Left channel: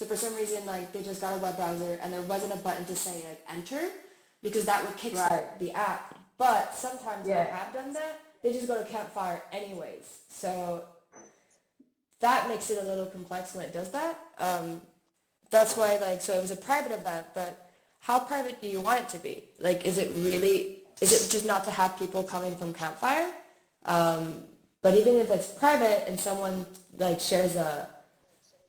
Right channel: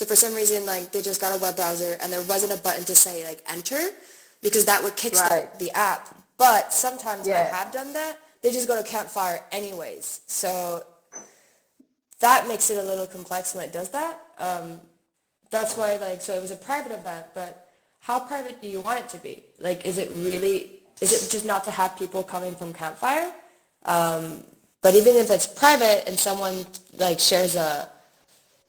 So for some reason, like they just got a web browser and there wasn't a button to say like enter because that would kickstart Right. the app. But sometimes when I Yeah. have done that, they just go to Campfire anyways. So that makes it a little complex when it does that. That's why like, so it was a private event, but how private do you want it to be? Like, is it just not to have people coming from Campfire? But even if it's private and someone like shares a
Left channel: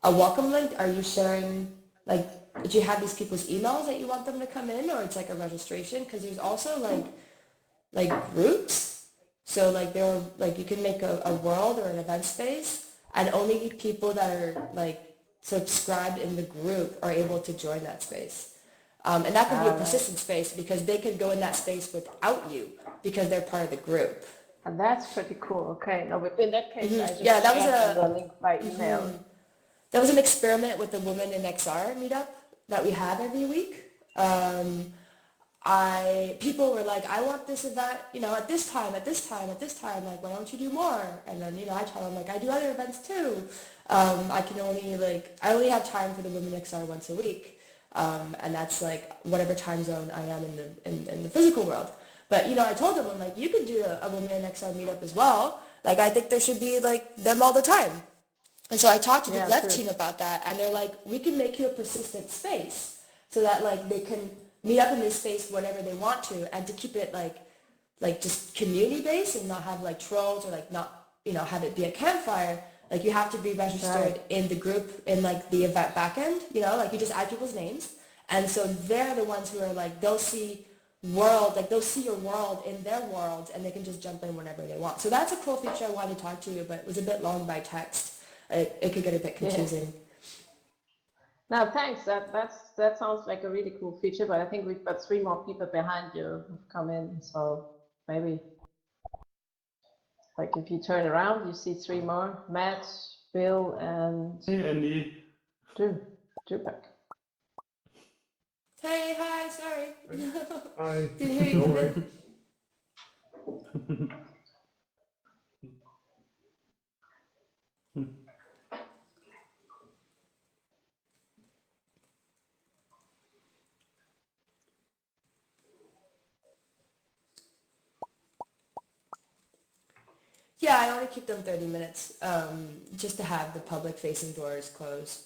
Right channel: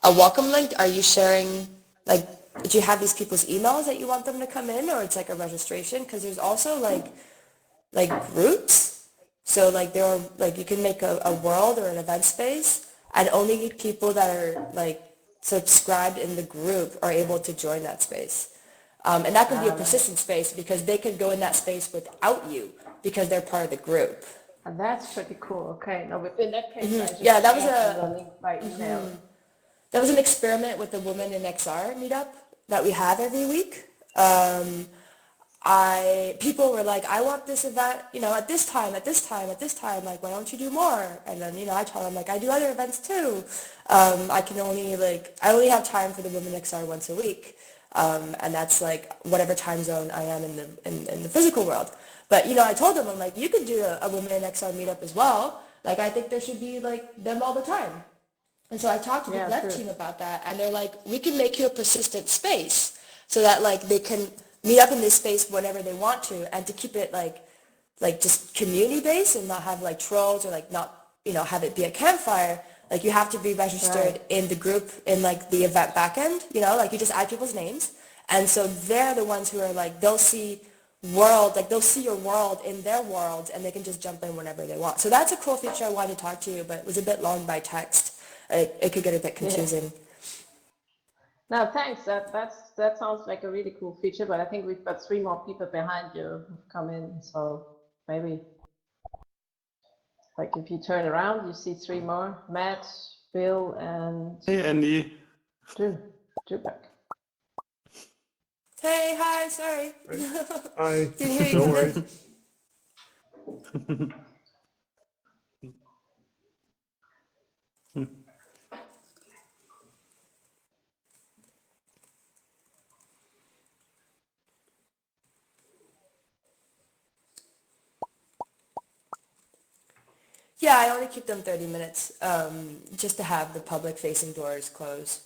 welcome link, are you sharing, like, do you have these people's emails that you want them to come in, or it's like a registration? Because there's also like groups. So like there are like you can make a world or an event space, and only people that are like subscribed in the group are able to join that space. And that could be a All right. persistent space because they could go in that space without you because they're part of the group. And that's pretty cool. Okay. No, but in that case, I Yeah, just add them the link by email. that was an experiment with the Women in XR meetup that we have every week. I people were like, I want this event, at this time, at this time, at this time. Like, why don't you do more? And then, I tell them like I do other events too. I only have time for the Women XR once a week, and that's like whatever time zone I am in the physical world. But I told them I'm like, you could do a Women in XR meetup as well. Like, I think there should be like them all the time. And so I talked to the Yeah, dev true. team about that, and they're like, we can make you a persistent space so that like they can meet up in this space whenever they want to, and to keep it like just community based and not have like trolls or like not have it be a campfire. Like you have to be Right. registered in the group in like the event backend. Like you just add people's names, and so they're the ones who are like they'll see your world in their world, and they can just jump in whenever they want. So that's a cool feature I wanted to talk to you, but it was a bit long by text. It could get a bit Yeah. confusing. No, thanks. That sounds like a really cool feature, but I think we've got three more people behind you who've come in, so maybe like if you turn around, you see three more: Matt, Bill, and Hey, Andy. Drew. Drew back. Hey, hi, sorry. Hi. Didn't hear you No come in. worries. Yeah, I only keep them 30 minutes, just to have the public facing doors closed.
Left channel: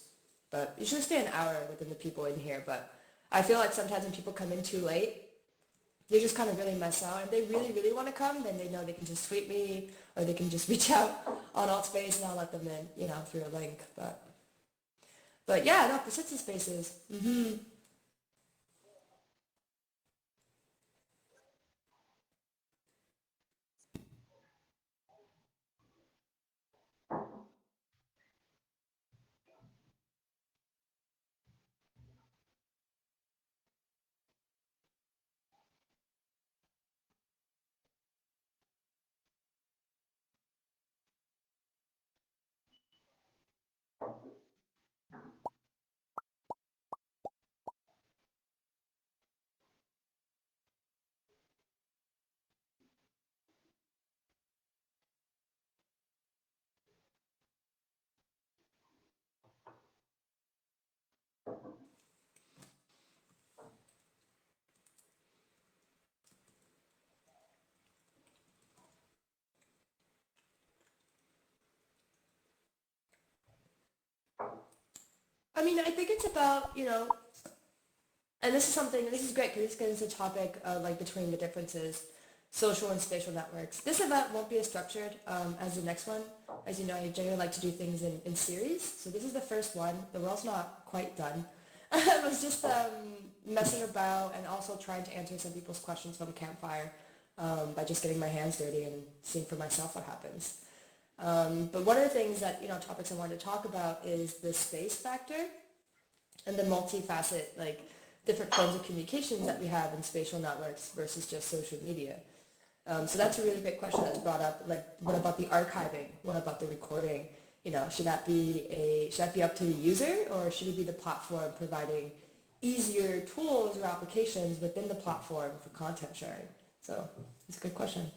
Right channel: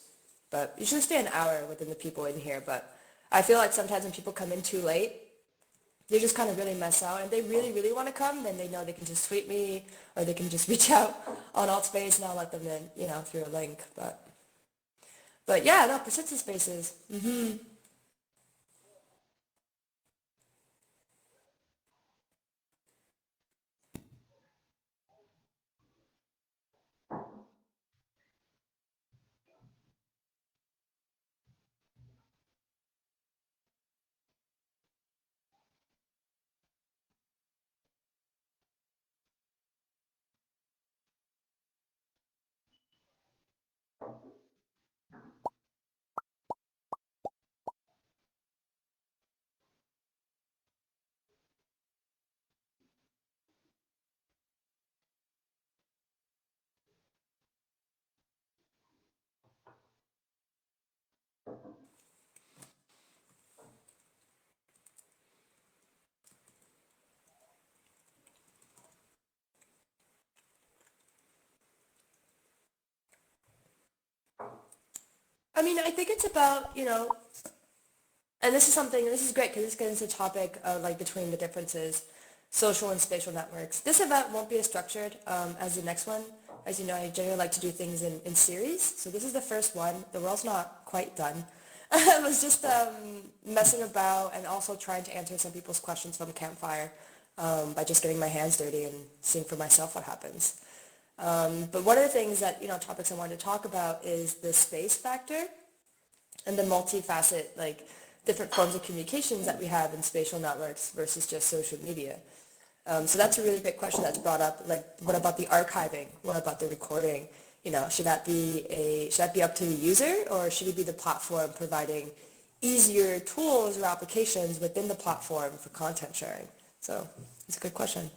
But you should stay an hour within the people in here. But I feel like sometimes when people come in too late, they just kind of really mess out. And if they really, really want to come, then they know they can just tweet me or they can just reach out on Altspace and I'll let them in, through a link. But yeah, no, persistent spaces. I mean, I think it's about, and this is great because this gets into a topic of like between the differences, social and spatial networks. This event won't be as structured as the next one. As you know, I generally like to do things in series. So this is the first one. The world's not quite done. It was just messing about and also trying to answer some people's questions from the campfire by just getting my hands dirty and seeing for myself what happens. But one of the things that, topics I wanted to talk about is the space factor and the multifaceted, like different forms of communications that we have in spatial networks versus just social media. So that's a really great question that's brought up. Like, what about the archiving? What about the recording? Should that be up to the user, or should it be the platform providing easier tools or applications within the platform for content sharing? So it's a good question.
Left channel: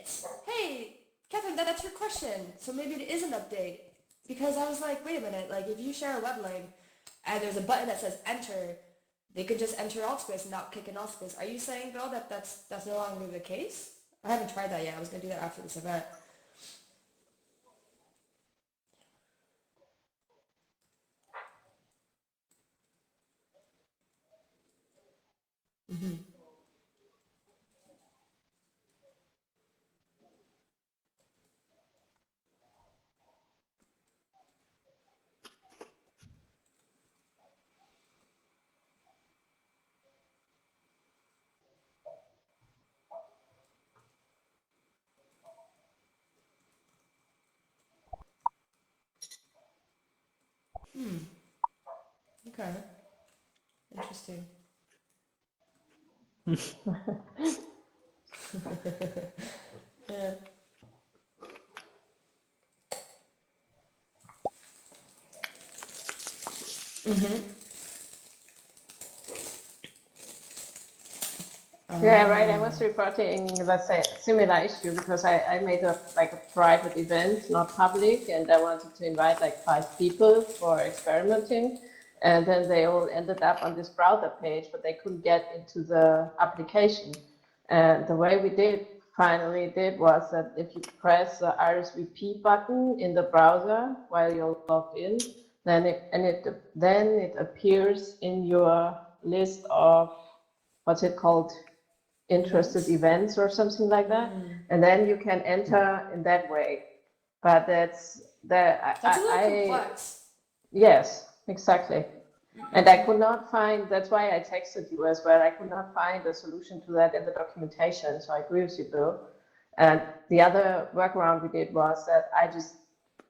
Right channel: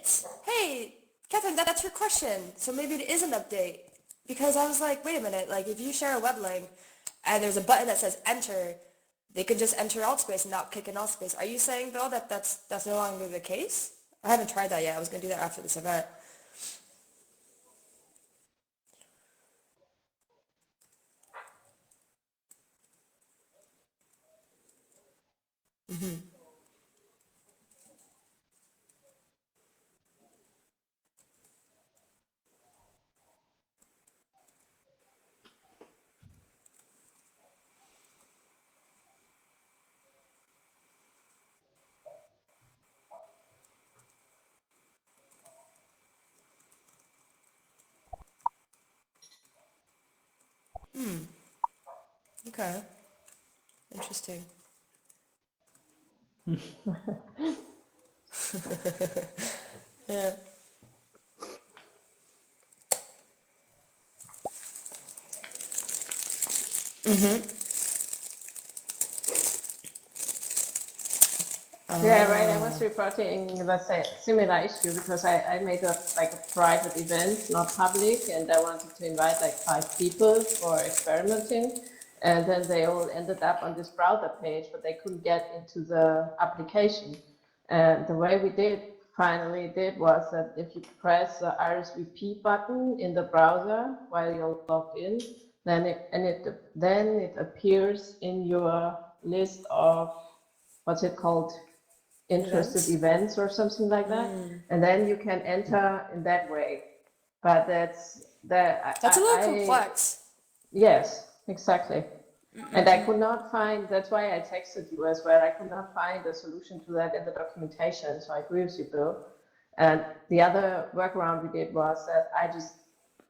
it. Hey, Catherine, that's your question. So maybe it is an update. Because I was like, wait a minute, like if you share a web link and there's a button that says enter, they could just enter alt space and not kick in alt space. Are you saying though that that's no longer the case? I haven't tried that yet. I was gonna do that after this event. Okay, interesting. Yeah. Yeah, right. I was reporting the similar issue because I made a like a private event, not public, and I wanted to invite like 5 people for experimenting. And then they all ended up on this browser page, but they couldn't get into the application. And the way we finally did was that if you press the RSVP button in the browser while you're logged in, then it appears in your list of what's it called, interested Events? events or something like that, and then you can enter in that way. But that's that That's a little I complex. yes, exactly. And I could not find, that's why I texted you as well. I could not find a solution to that in the documentation. So I agree with you, Bill. And the other workaround we did was that I just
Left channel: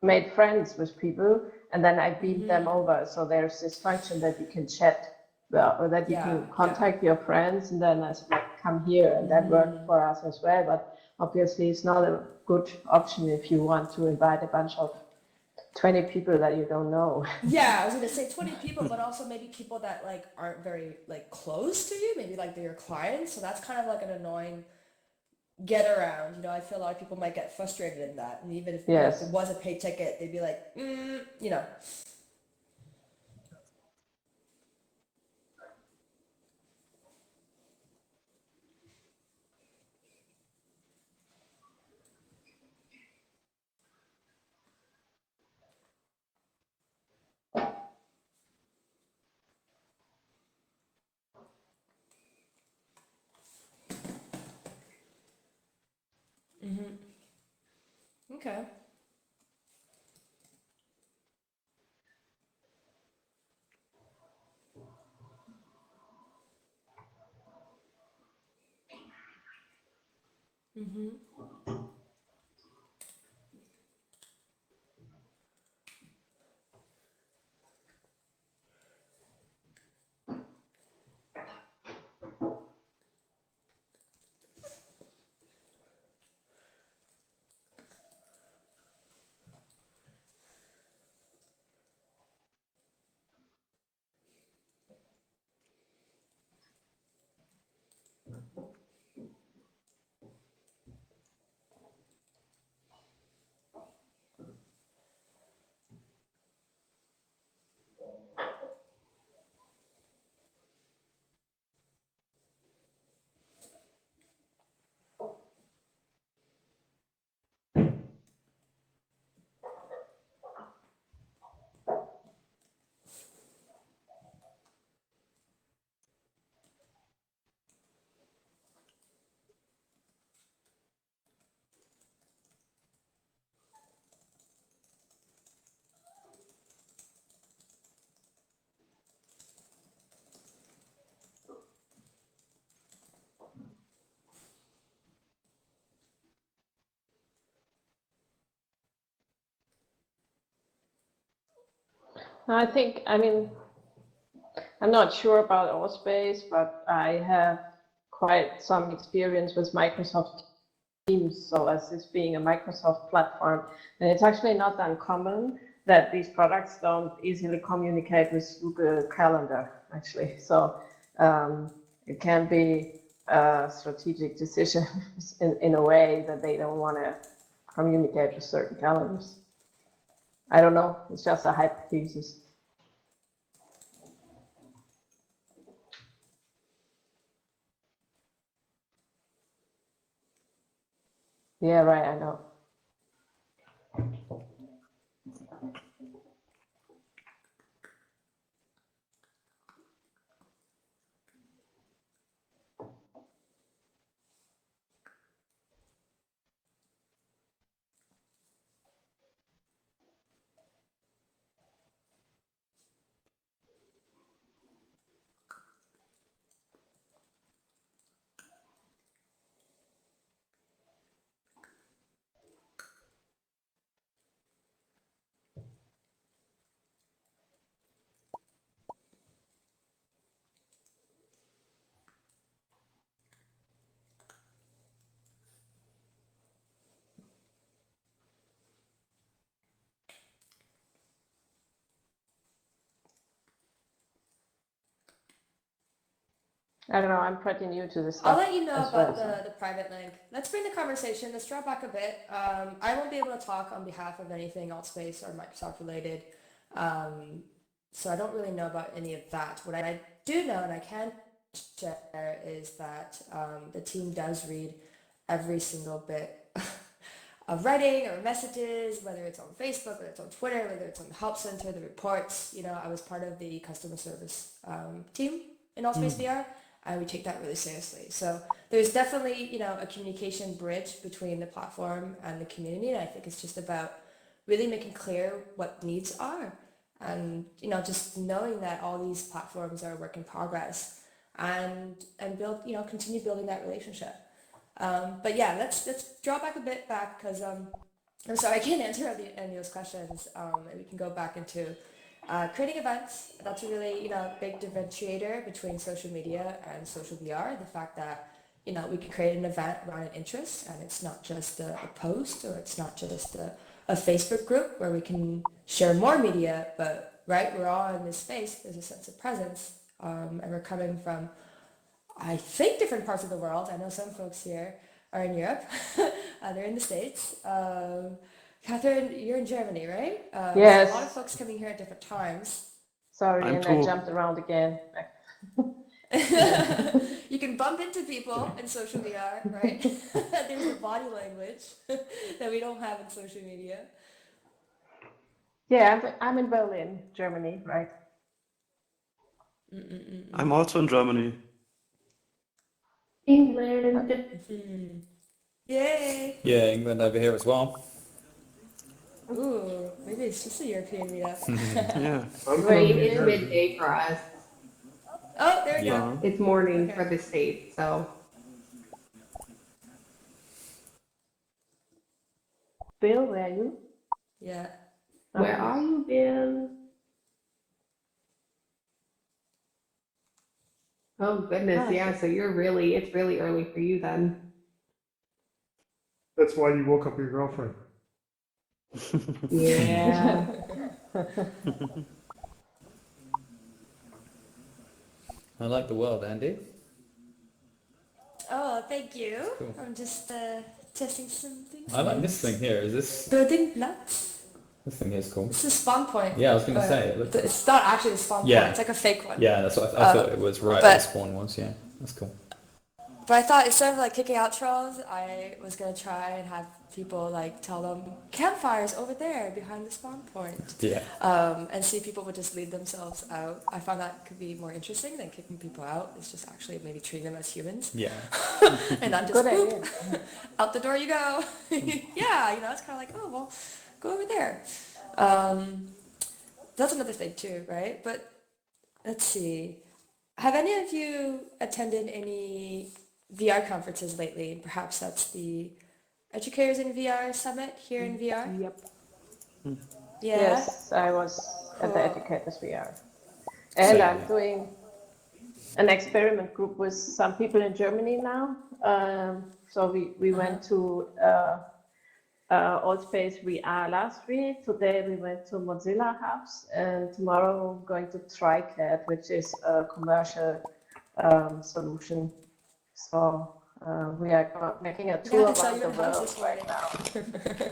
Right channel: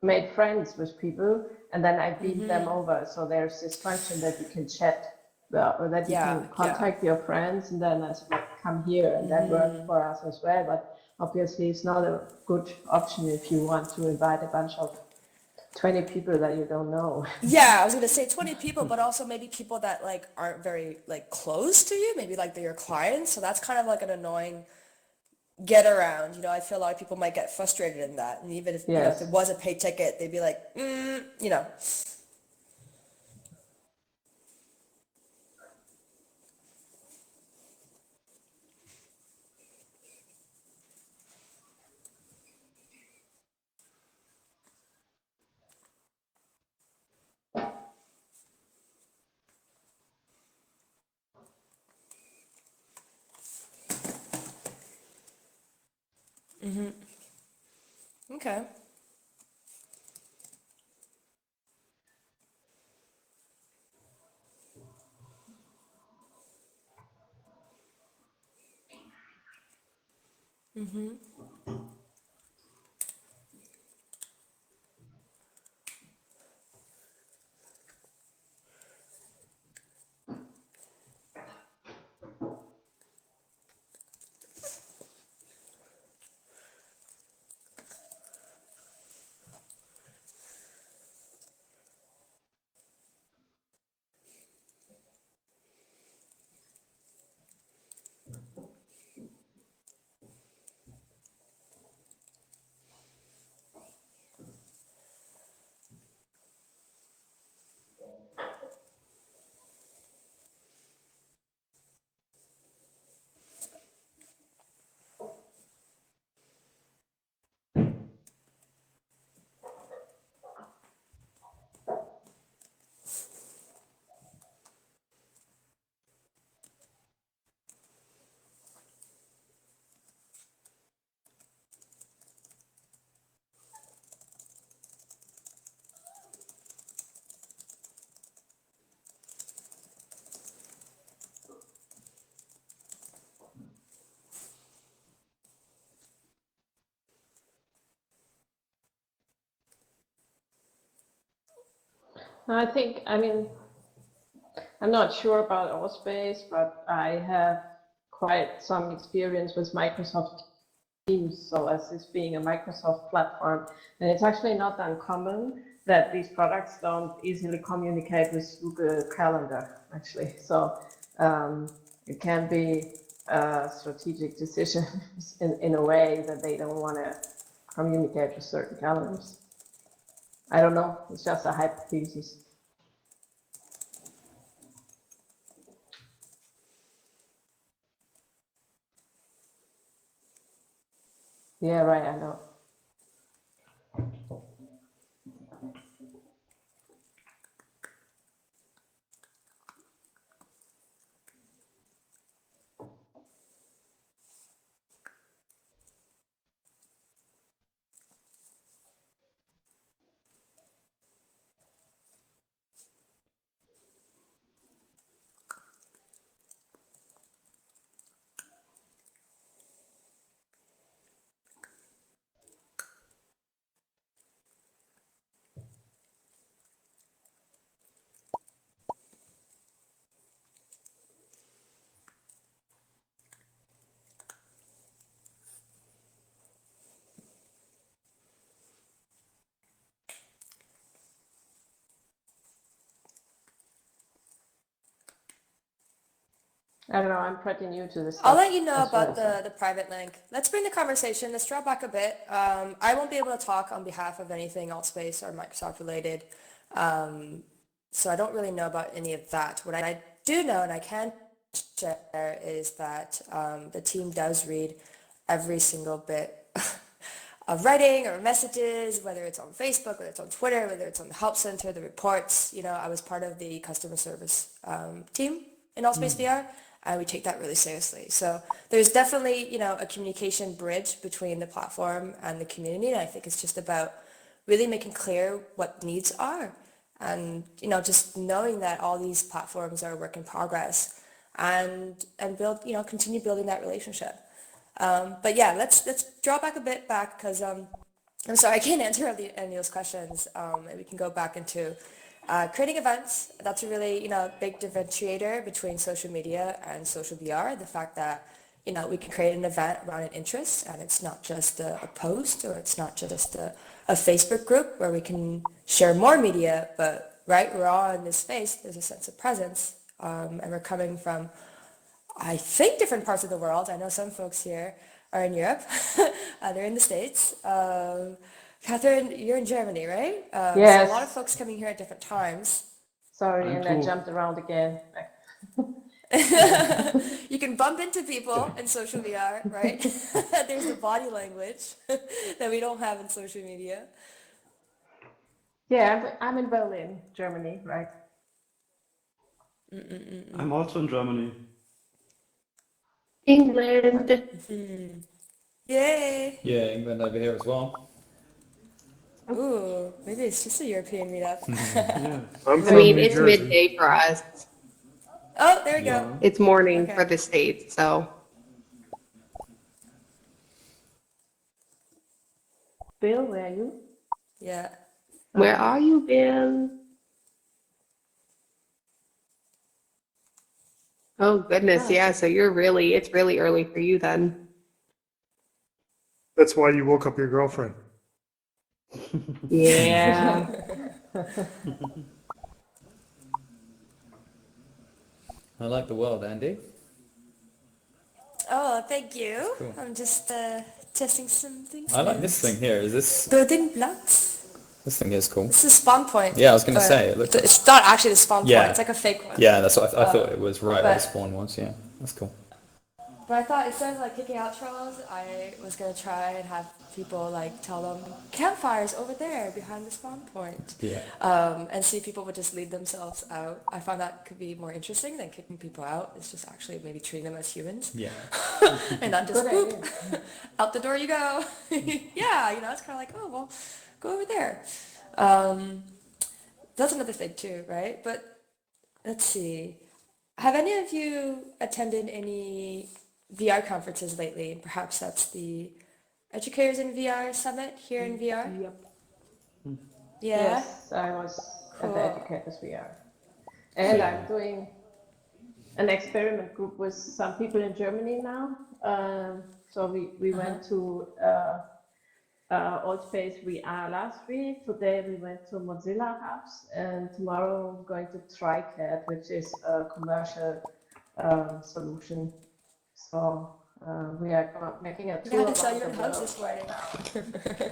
made friends with people and then I beamed them over. So there's this function that you can chat, well, or that you Yeah, can yeah. contact your friends and then I said, like, come here. And that worked for us as well. But obviously, it's not a good option if you want to invite a bunch of 20 people that you don't know. Yeah, I was gonna say 20 people, but also maybe people that like aren't very like close to you, maybe like they're your clients. So that's kind of like an annoying get around. I feel a lot of people might get frustrated in that. And even if it Yes. was a paid ticket, they'd be like, you know. Okay. I mean, I'm not sure about Allspace, but I have quite some experience with Microsoft Teams, so as this being a Microsoft platform, and it's actually not uncommon that these products don't easily communicate with Google Calendar, actually. So it can be strategic decisions in a way that they don't want to communicate with certain galleries. I don't know. It's just a hypothesis. Yeah, right. I know. I don't know. I'm pretty new to this I'll stuff let you know as well. about the private link. Let's bring the conversation. Let's draw back a bit. I won't be able to talk on behalf of anything Altspace or Microsoft related. Um, so I don't really know about any of that. What I do know and I can share is that the team does read every single bit of writing or messages, whether it's on Facebook, whether it's on Twitter, whether it's on the help center, the reports. I was part of the customer service team in Allspace VR, and we take that really seriously. So there's definitely, a communication bridge between the platform and the community, and I think it's just about really making clear what needs are, and just knowing that all these platforms are a work in progress, and build, continue building that relationship. But yeah, let's draw back a bit back because I'm sorry, I can't answer any of those questions. And we can go back into creating events. That's a really, big differentiator between social media and social VR. The fact that, we can create an event around an interest and it's not just a post, or it's not just a Facebook group where we can share more media, but right, we're all in this space. There's a sense of presence, and we're coming from, I think, different parts of the world. I know some folks here are in Europe, they're in the States. Catherine, you're in Germany, right? So a lot of Yes. folks coming here at different times. Sorry, I'm and I too. jumped around again. You can bump into people in social VR, right? There's the body language that we don't have in social media. Yeah, I'm in Berlin, Germany, right? I'm also in Germany. England. Yay! Yeah, England over here as well. Ooh, maybe it's just a European meetup. Yeah. I I'm from mean, New it's Jersey. midday for us. Oh, there we go. Uh, It's morning for Okay. the States, so. Bill, where are you? Yeah. Where Okay. are you, Bill? Oh, goodness, Ah, yeah, so it's really early for you then. That's why you woke up your girlfriend. Yeah. I like the world, Andy. Oh, thank you. Cool. I'm just testing some things. I like this thing here. Is this Building nuts. this thing is cool? This is spawn point. Yeah, I was gonna but say it looks. it's not actually the spawn Yeah. point. It's like a fake one. Yeah, that's what I thought it was right where the but- spawn was. Yeah, that's cool. But I thought instead of like kicking out trolls, I was gonna try and have people like tell them campfires over there behind the spawn point. Yeah. And see if people would just leave themselves out. I found that could be more interesting than kicking people out. It's just actually maybe treating them as humans. Yeah. And not just Good boop, idea. out the door you go. Yeah, it's kind of like, oh, well, go over there. That's another thing too, right? But let's see. Have any of you attended any VR conferences lately? And perhaps that's the Educators in VR Summit here in VR? Yep. Yeah? Yes, I was at the Cool. Educators VR. And So- I'm doing an experiment group with some people in Germany now. So we went to Allspace VR last week. Today we went to Mozilla House, and tomorrow we're going to TriCAD, which is a commercial solution. So we are making a I tour had to sell around you the in hugs world this right morning. now.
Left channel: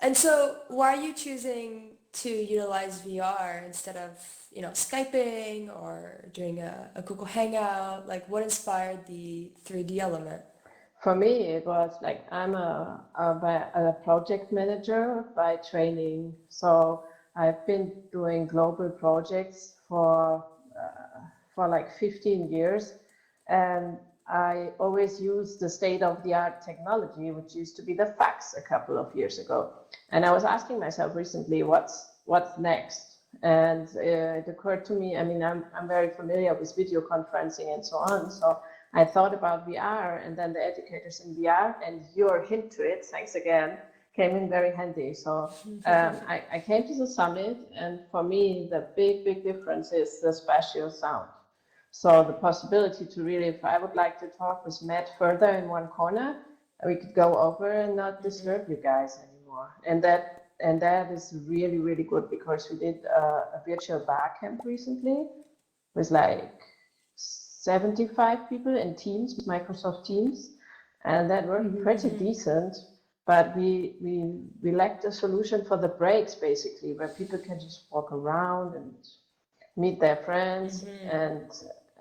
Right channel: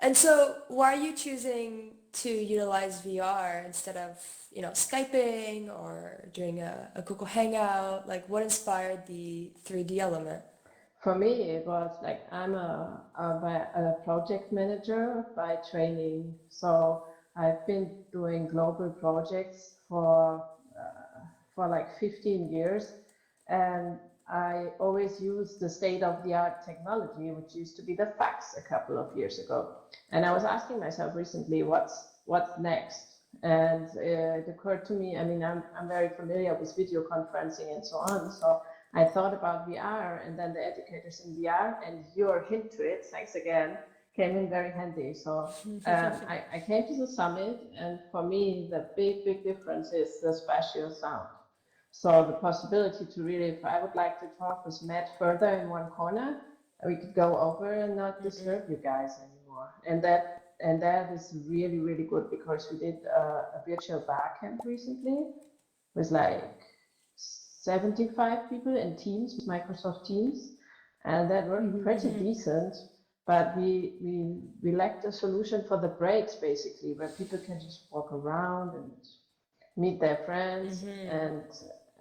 And so why are you choosing to utilize VR instead of, Skyping or doing a Google Hangout? Like what inspired the 3D element? For me, it was like I'm a project manager by training. So I've been doing global projects for like 15 years. And I always use the state-of-the-art technology, which used to be the fax a couple of years ago. And I was asking myself recently, what's next? And it occurred to me, I mean, I'm very familiar with video conferencing and so on. So I thought about VR, and then the educators in VR and your hint to it, thanks again, came in very handy. So I came to the summit, and for me, the big difference is the spatial sound. So the possibility to really, if I would like to talk with Matt further in one corner, we could go over and not disturb you guys anymore. And that is really good because we did a virtual bar camp recently with like 75 people in Teams, with Microsoft Teams, and that worked pretty decent. But we lacked a solution for the breaks, basically, where people can just walk around and meet their friends,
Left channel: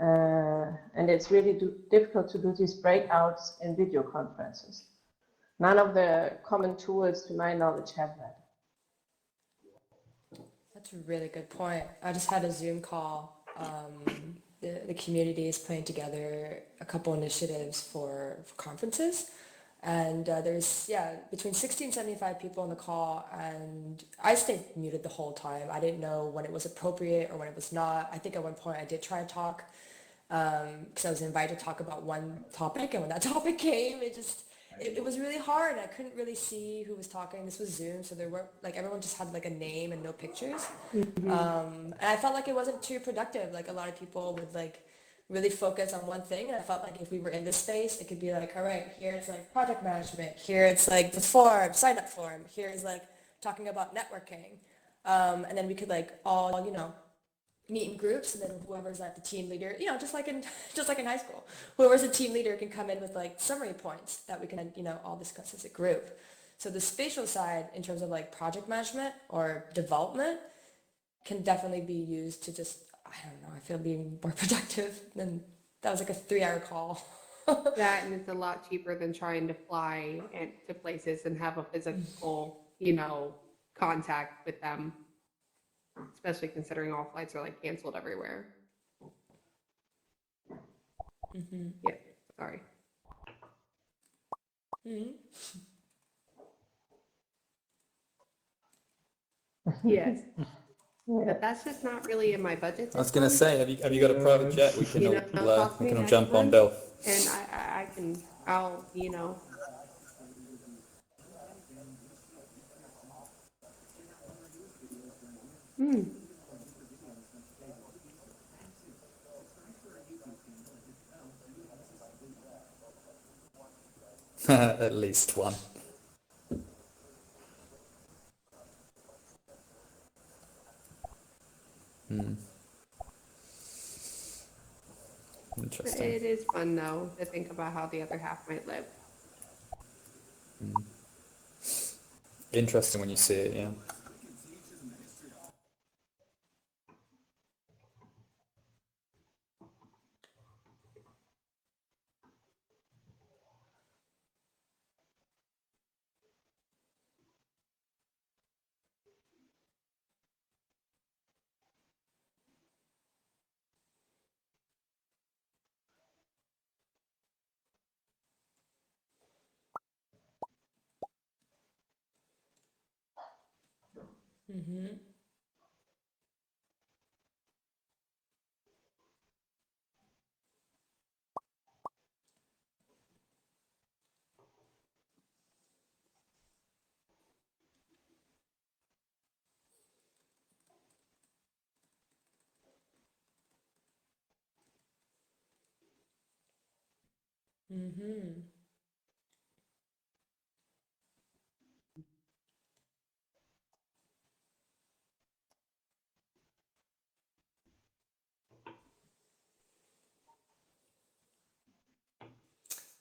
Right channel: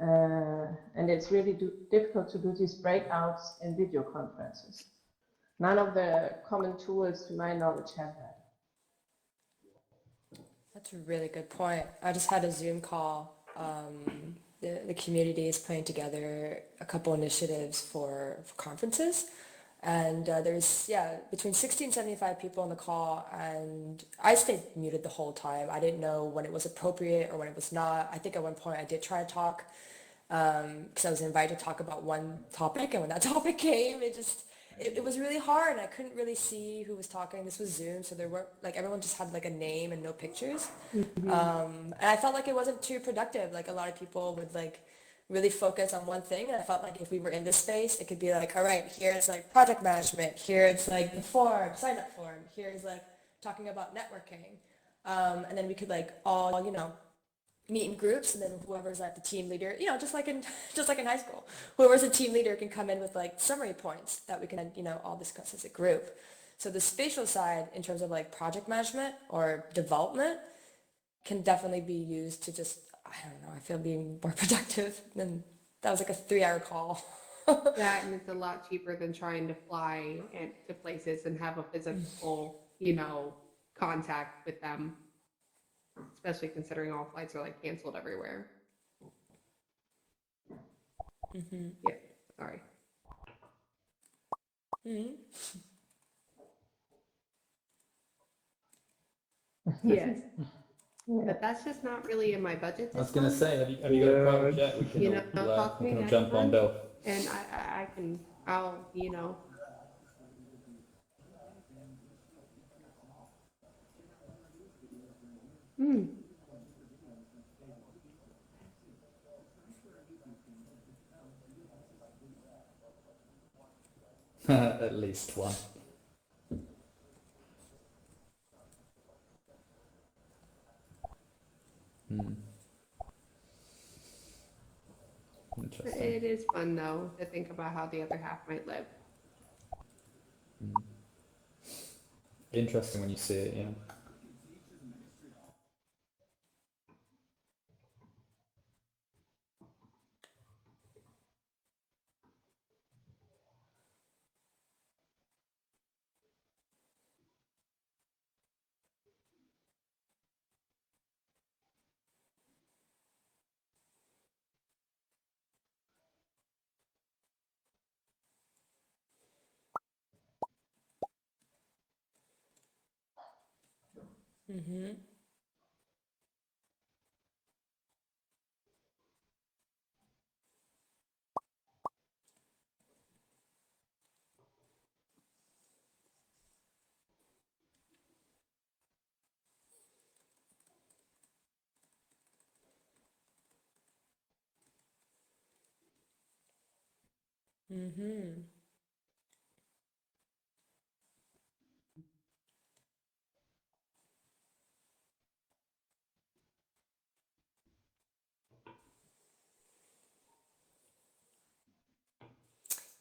and it's really difficult to do these breakouts in video conferences. None of the common tools, to my knowledge, have that. That's a really good point. I just had a Zoom call. The community is putting together a couple initiatives for conferences. And there's, yeah, between 60 and 75 people on the call. And I stayed muted the whole time. I didn't know when it was appropriate or when it was not. I think at one point I did try to talk because I was invited to talk about one topic. And when that topic came, it was really hard. I couldn't really see who was talking. This was Zoom, so there were like everyone just had like a name and no pictures. And I felt like it wasn't too productive. Like a lot of people would like really focus on one thing. And I felt like if we were in this space, it could be like, all right, here's like project management. Here it's like the form, sign up form. Here's like talking about networking. And then we could like all, meet in groups, and then whoever's like the team leader, just like in high school, whoever's the team leader can come in with like summary points that we can, all discuss as a group. So the spatial side in terms of like project management or development can definitely be used to just, I don't know, I feel being more productive than that was like a 3 hour call. Yeah, and it's a lot cheaper than trying to fly to places and have a physical, contact with them, especially considering all flights are like canceled everywhere. Yeah, sorry. Yes, Yeah. but that's just not really in my budget I was this gonna month. say, have you got a private jet? We can Talk to we me can all next jump on month, Bill. and I can, I'll. Hmm. At least one. Interesting. It is fun though to think about how the other half might live. Interesting when you see it, yeah.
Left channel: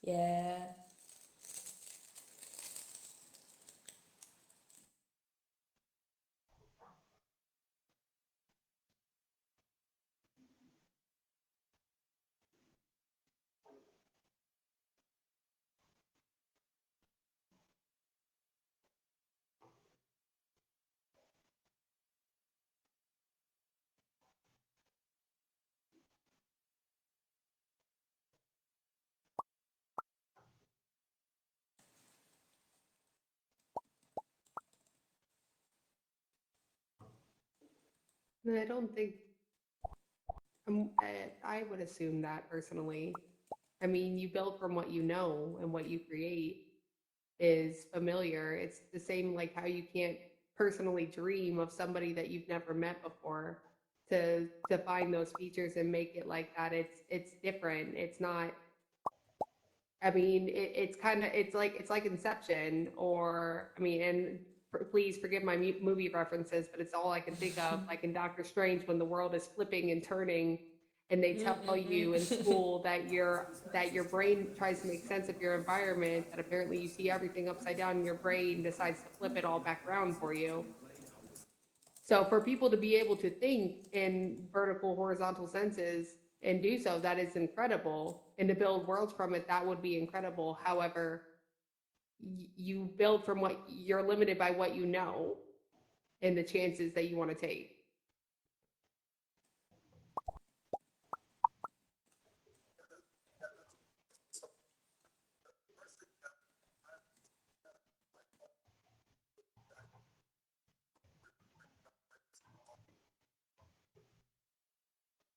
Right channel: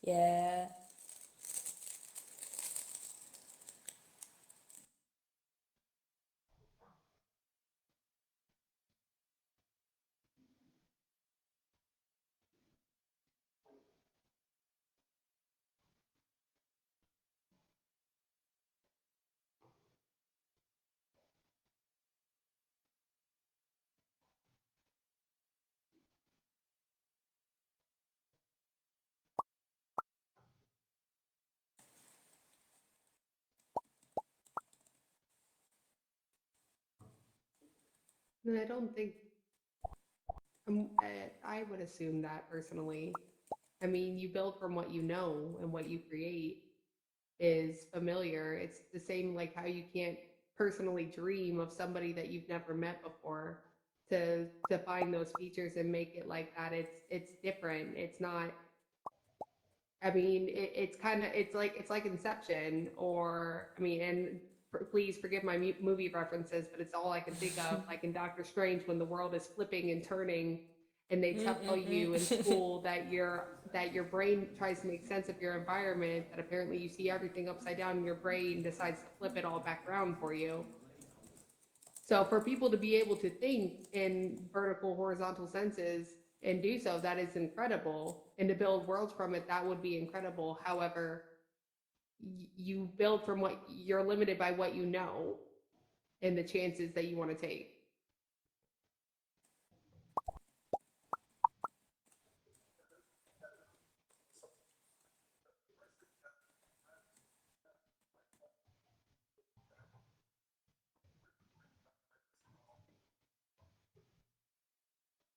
Yeah. And I don't think I would assume that personally. I mean, you build from what you know, and what you create is familiar. It's the same like how you can't personally dream of somebody that you've never met before to find those features and make it like that. It's different. It's not. I mean, it's kind of it's like Inception, or I mean, and please forgive my movie references, but it's all I can think of. Like in Doctor Strange, when the world is flipping and turning, and they tell you in Mm-mm-mm. school that your brain tries to make sense of your environment, that apparently you see everything upside down, and your brain decides to flip it all back around for you. So for people to be able to think in vertical, horizontal senses and do so, that is incredible. And to build worlds from it, that would be incredible. However, you build from what you're limited by what you know and the chances that you want to take.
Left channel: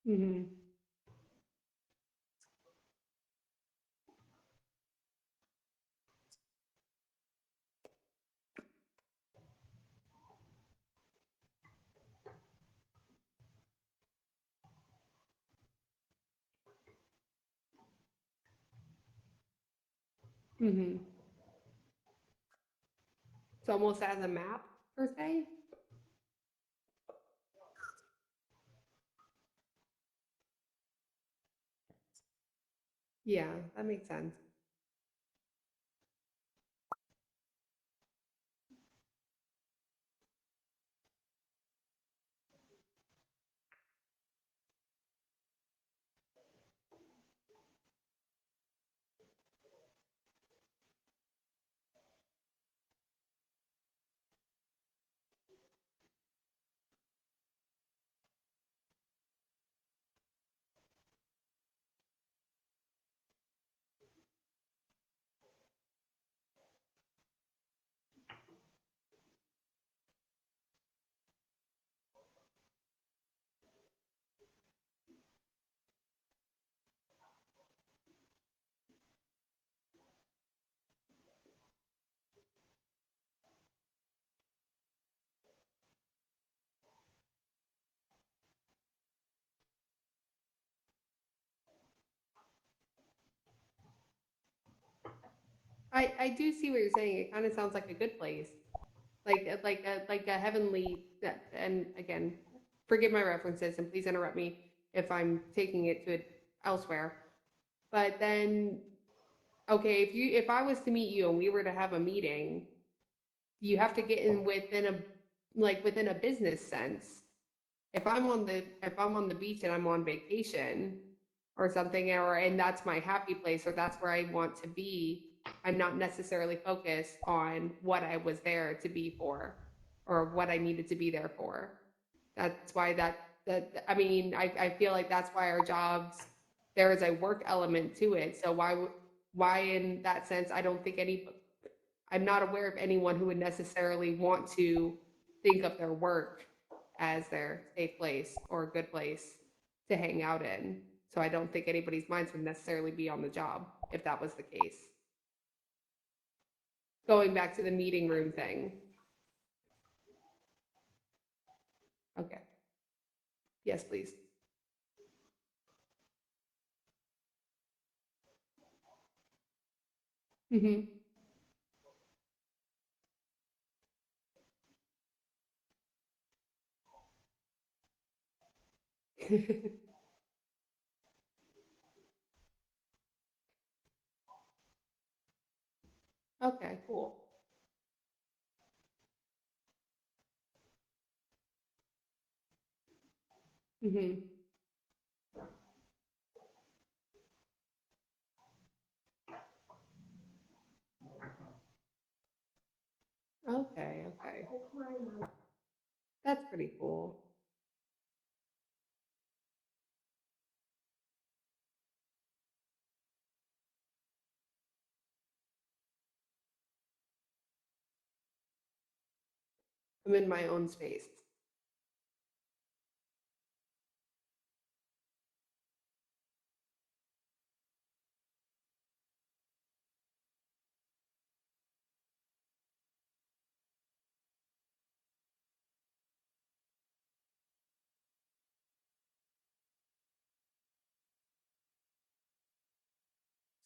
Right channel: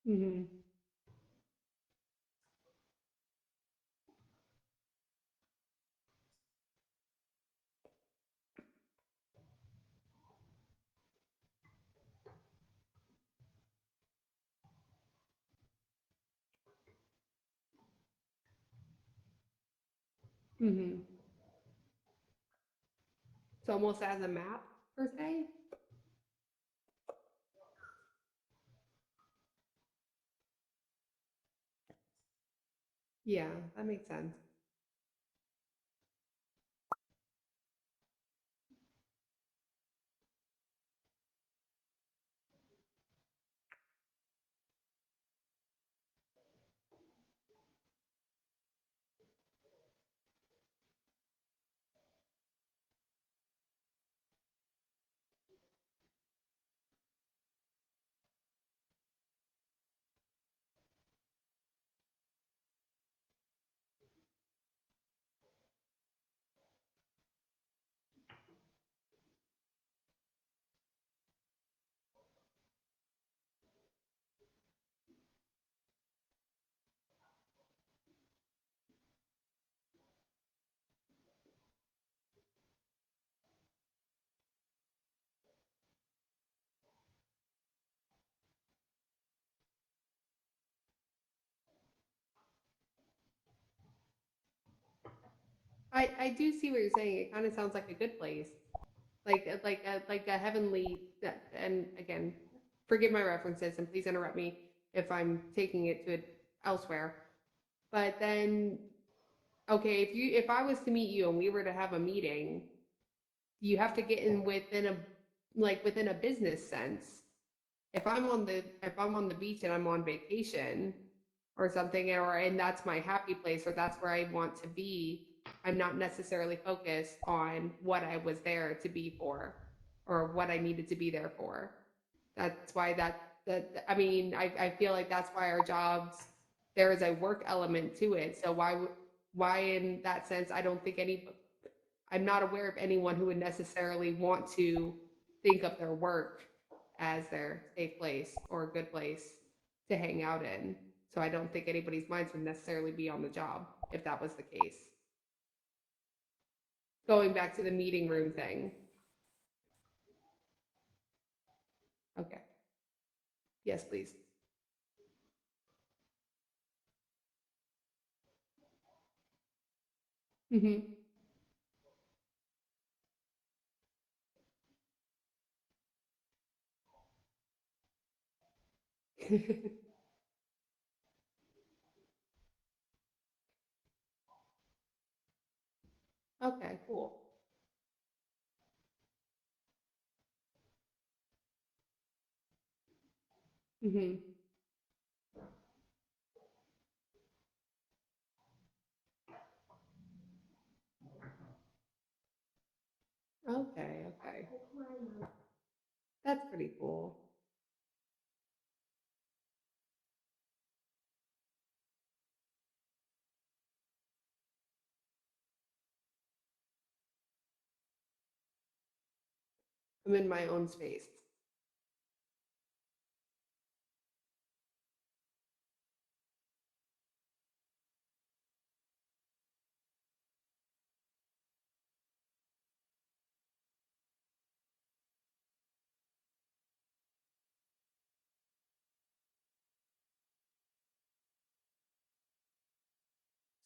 Hmm. Hmm. It's almost as a map per se. Yeah, that makes sense. I do see what you're saying. It kind of sounds like a good place, like a heavenly. And again, forgive my references, and please interrupt me if I'm taking it to elsewhere. But then, okay, if I was to meet you and we were to have a meeting, you have to get in within a within a business sense. If I'm on the beach and I'm on vacation or something, or and that's my happy place, or that's where I want to be, I'm not necessarily focused on what I was there to be for, or what I needed to be there for. That's why that I mean, I feel like that's why our jobs, there is a work element to it. So why in that sense, I don't think I'm not aware of anyone who would necessarily want to think of their work as their safe place or a good place to hang out in. So I don't think anybody's minds would necessarily be on the job if that was the case. Going back to the meeting room thing. Okay. Yes, please. Hmm. Okay, cool. Hmm. Okay, okay. That's pretty cool. I'm in my own space.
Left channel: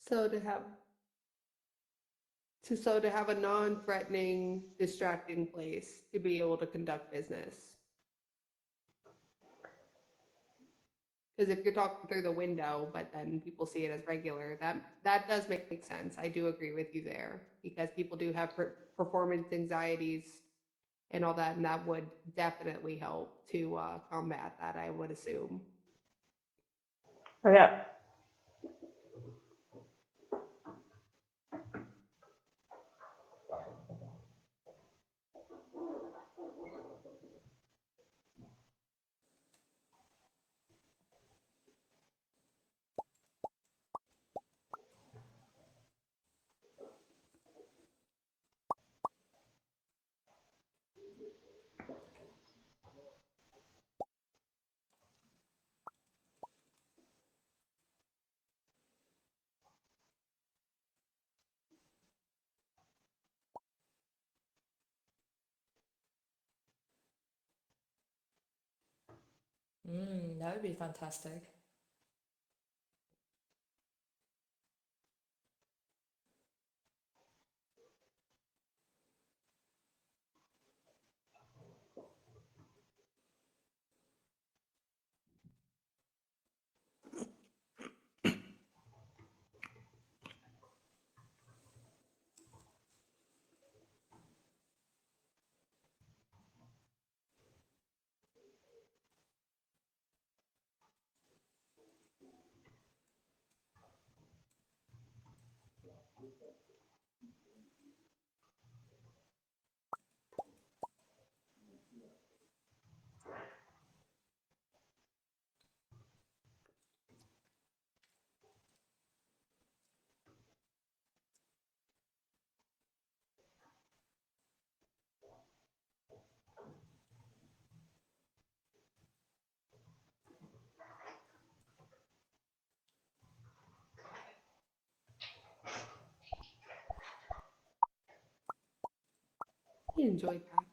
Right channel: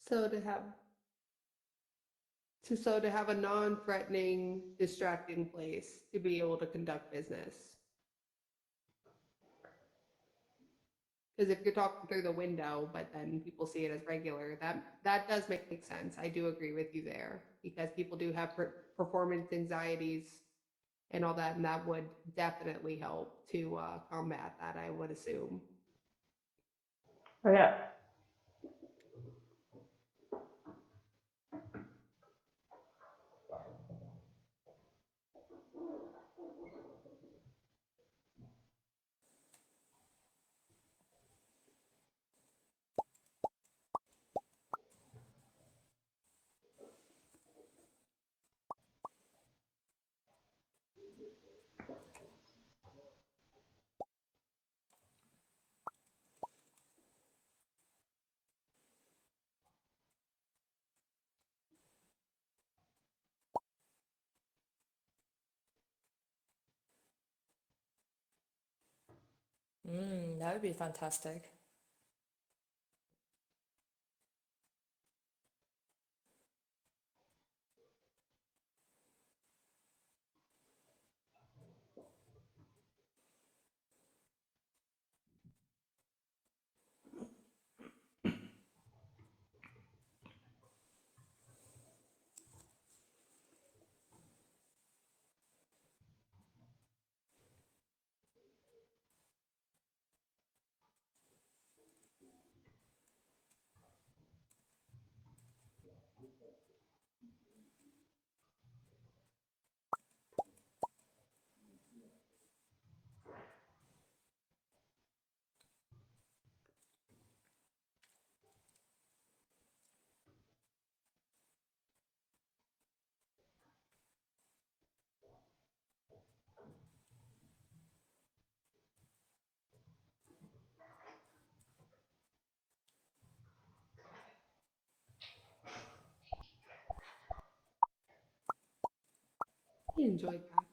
So to have a non-threatening, distracting place to be able to conduct business. Because if you're talking through the window, but then people see it as regular, that does make sense. I do agree with you there because people do have performance anxieties and all that, and that would definitely help to combat that, I would assume. Yeah. That would be fantastic. He enjoyed that.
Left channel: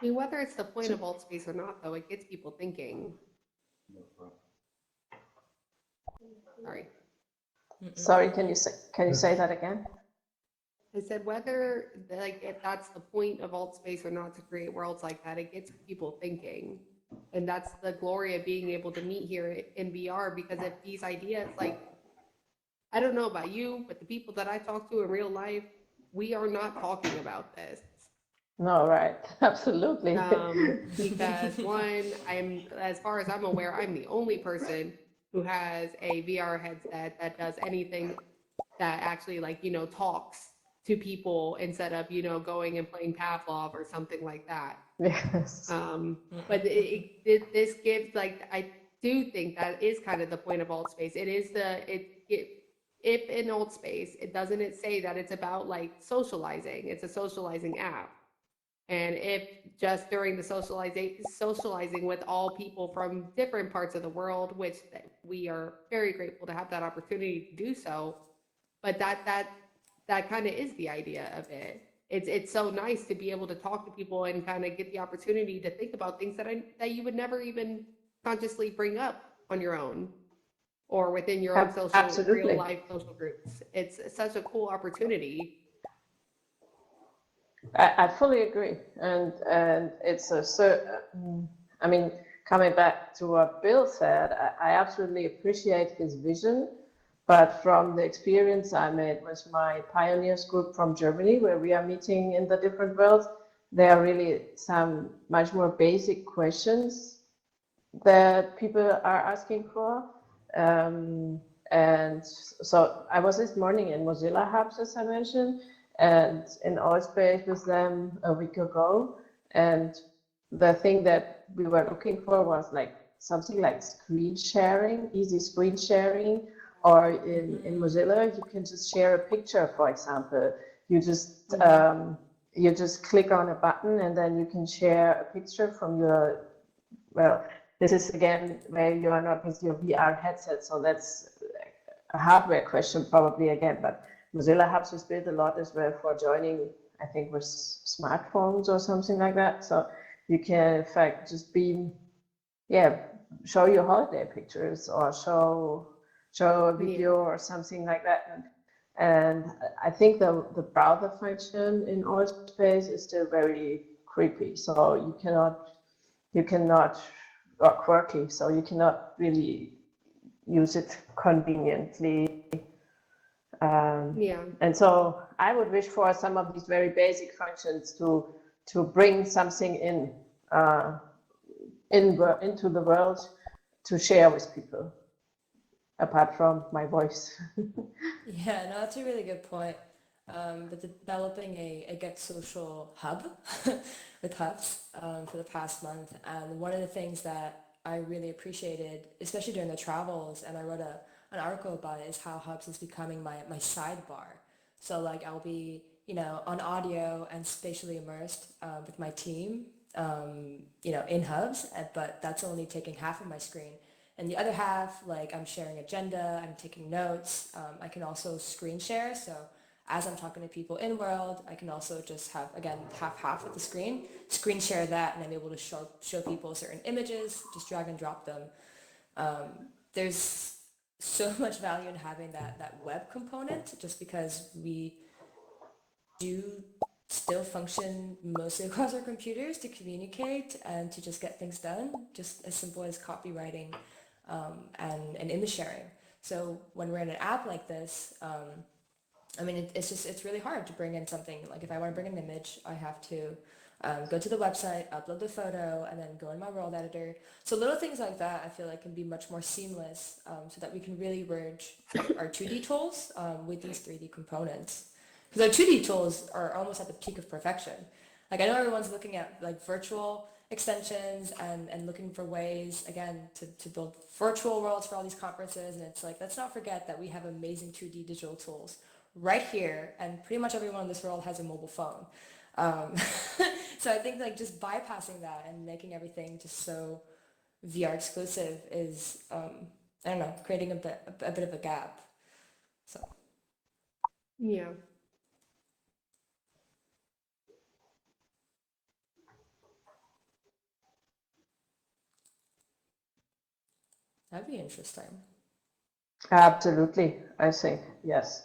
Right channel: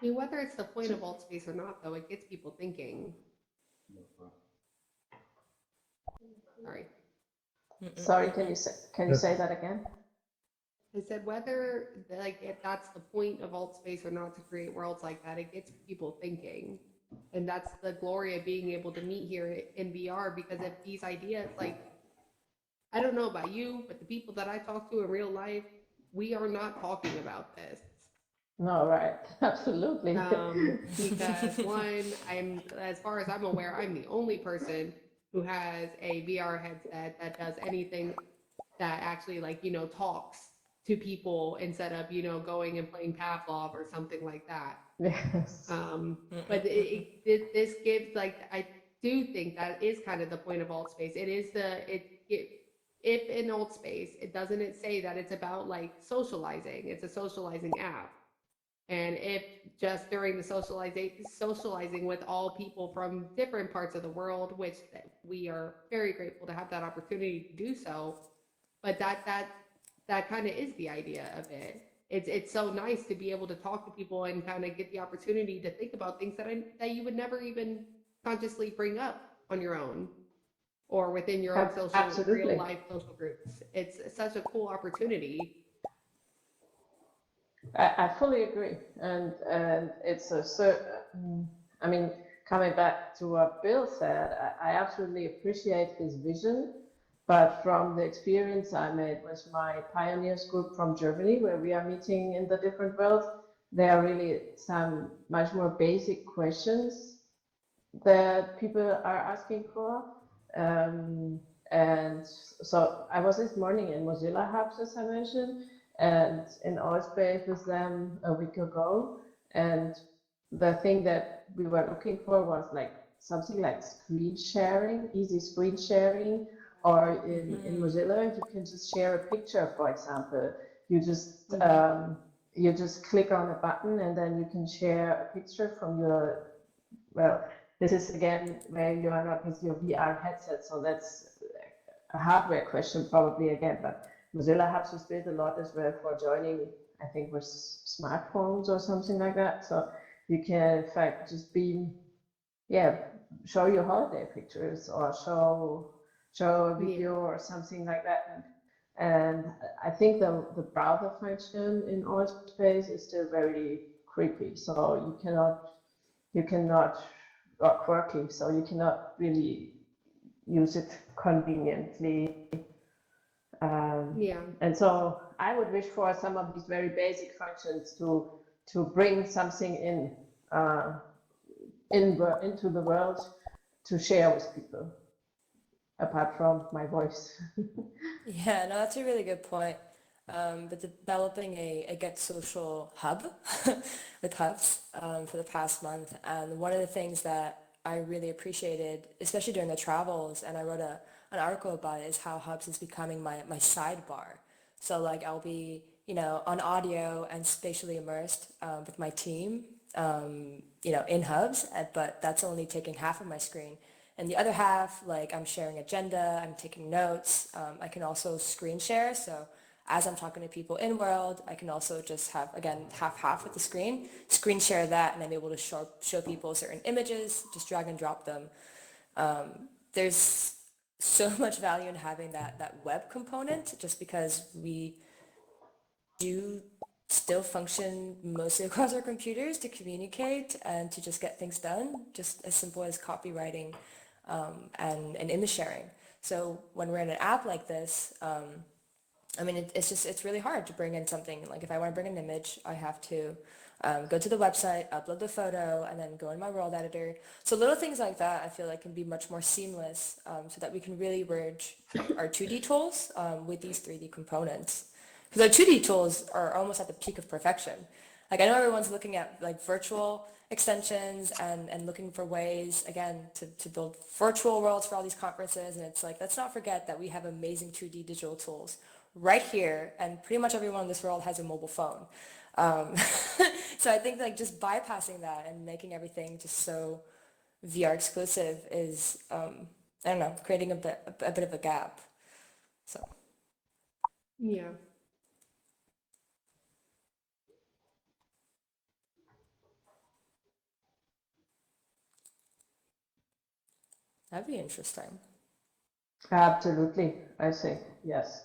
I mean, whether it's the point of alt space or not, though, it gets people thinking. Sorry. Sorry, can you say that again? I said whether like if that's the point of alt space or not to create worlds like that, it gets people thinking. And that's the glory of being able to meet here in VR because if these ideas like I don't know about you, but the people that I talk to in real life, we are not talking about this. No, right. Absolutely. Because one, as far as I'm aware, I'm the only person who has a VR headset that does anything that actually talks to people instead of, going and playing Pavlov or something like that. Yes. But this gives I do think that is kind of the point of alt space. It is if in alt space, it doesn't it say that it's about like socializing. It's a socializing app. And if just during the socializing with all people from different parts of the world, which we are very grateful to have that opportunity to do so, but that kind of is the idea of it. It's so nice to be able to talk to people and kind of get the opportunity to think about things that you would never even consciously bring up on your own or within your own real Absolutely. life social groups. It's such a cool opportunity. I fully agree, and it's I mean, coming back to what Bill said, I absolutely appreciate his vision. But from the experience I made with my pioneers group from Germany, where we are meeting in the different worlds, there are really some much more basic questions that people are asking for. And so I was this morning in Mozilla Hubs, as I mentioned, and in our space with them a week ago. And the thing that we were looking for was like something like screen sharing, easy screen sharing, or in Mozilla, you can just share a picture, for example. You just you just click on a button and then you can share a picture from your, well, this is again where you are not with your VR headset, so that's a hardware question probably again, but Mozilla Hubs was built a lot as well for joining, I think, with smartphones or something like that. So you can in fact just beam, show your holiday pictures or show a video or something like that. And I think the browser function in our space is still very creepy. So you cannot, or quirky, so you cannot really use it conveniently. And so I would wish for some of these very basic functions to bring something into the world to share with people, apart from my voice. Yeah, no, that's a really good point. But developing a Get Social hub with Hubs for the past month, and one of the things that I really appreciated, especially during the travels, and I wrote an article about it, is how Hubs is becoming my sidebar. So like I'll be, on audio and spatially immersed with my team, in Hubs, but that's only taking half of my screen. And the other half, like I'm sharing agenda, I'm taking notes. I can also screen share. So as I'm talking to people in world, I can also just have, again, half with the screen share that, and I'm able to show people certain images, just drag and drop them. There's so much value in having that web component, just because we do still function mostly across our computers to communicate and to just get things done, just as simple as copywriting and image sharing. So when we're in an app like this, it's really hard to bring in something. Like if I want to bring an image, I have to go to the website, upload the photo, and then go in my world editor. So little things like that I feel like can be much more seamless, so that we can really merge our 2D tools with these 3D components. Because our 2D tools are almost at the peak of perfection. Like I know everyone's looking at like virtual extensions and looking for ways, again, to build virtual worlds for all these conferences. And it's like, let's not forget that we have amazing 2D digital tools right here. And pretty much everyone in this world has a mobile phone. Um, so I think like just bypassing that and making everything just so VR exclusive is, I don't know, creating a bit of a gap. So. Yeah. That'd be interesting. Absolutely, I think, yes.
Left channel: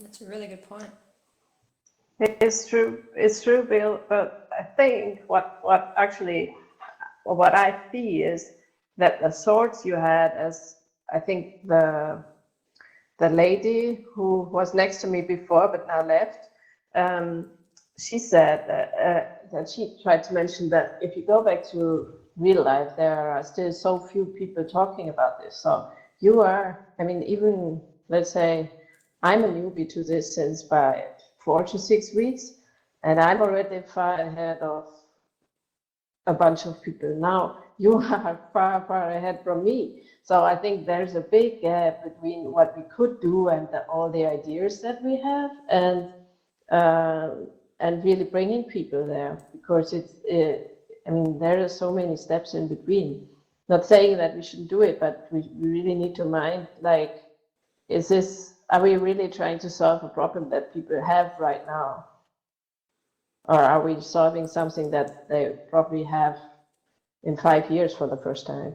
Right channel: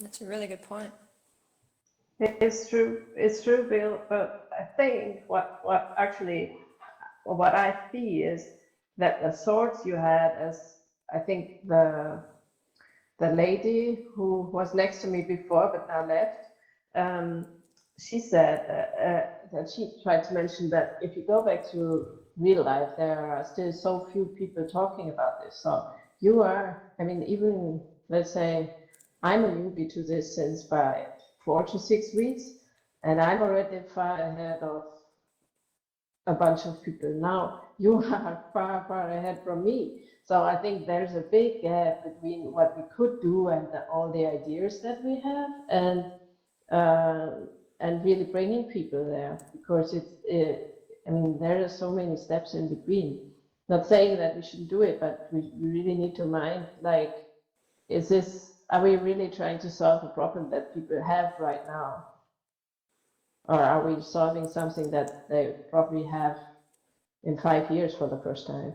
That's a really good point. It's true, Bill. But I think what I see is that the thoughts you had, as I think the lady who was next to me before but now left, um, she said that she tried to mention that if you go back to real life, there are still so few people talking about this. So you are, I mean, even let's say I'm a newbie to this since by 4 to 6 weeks, and I'm already far ahead of a bunch of people. Now you are far, far ahead from me. So I think there's a big gap between what we could do and all the ideas that we have, uh, and really bringing people there, because I mean, there are so many steps in between. Not saying that we shouldn't do it, but we really need to mind, like, are we really trying to solve a problem that people have right now? Or are we solving something that they probably have in 5 years for the first time?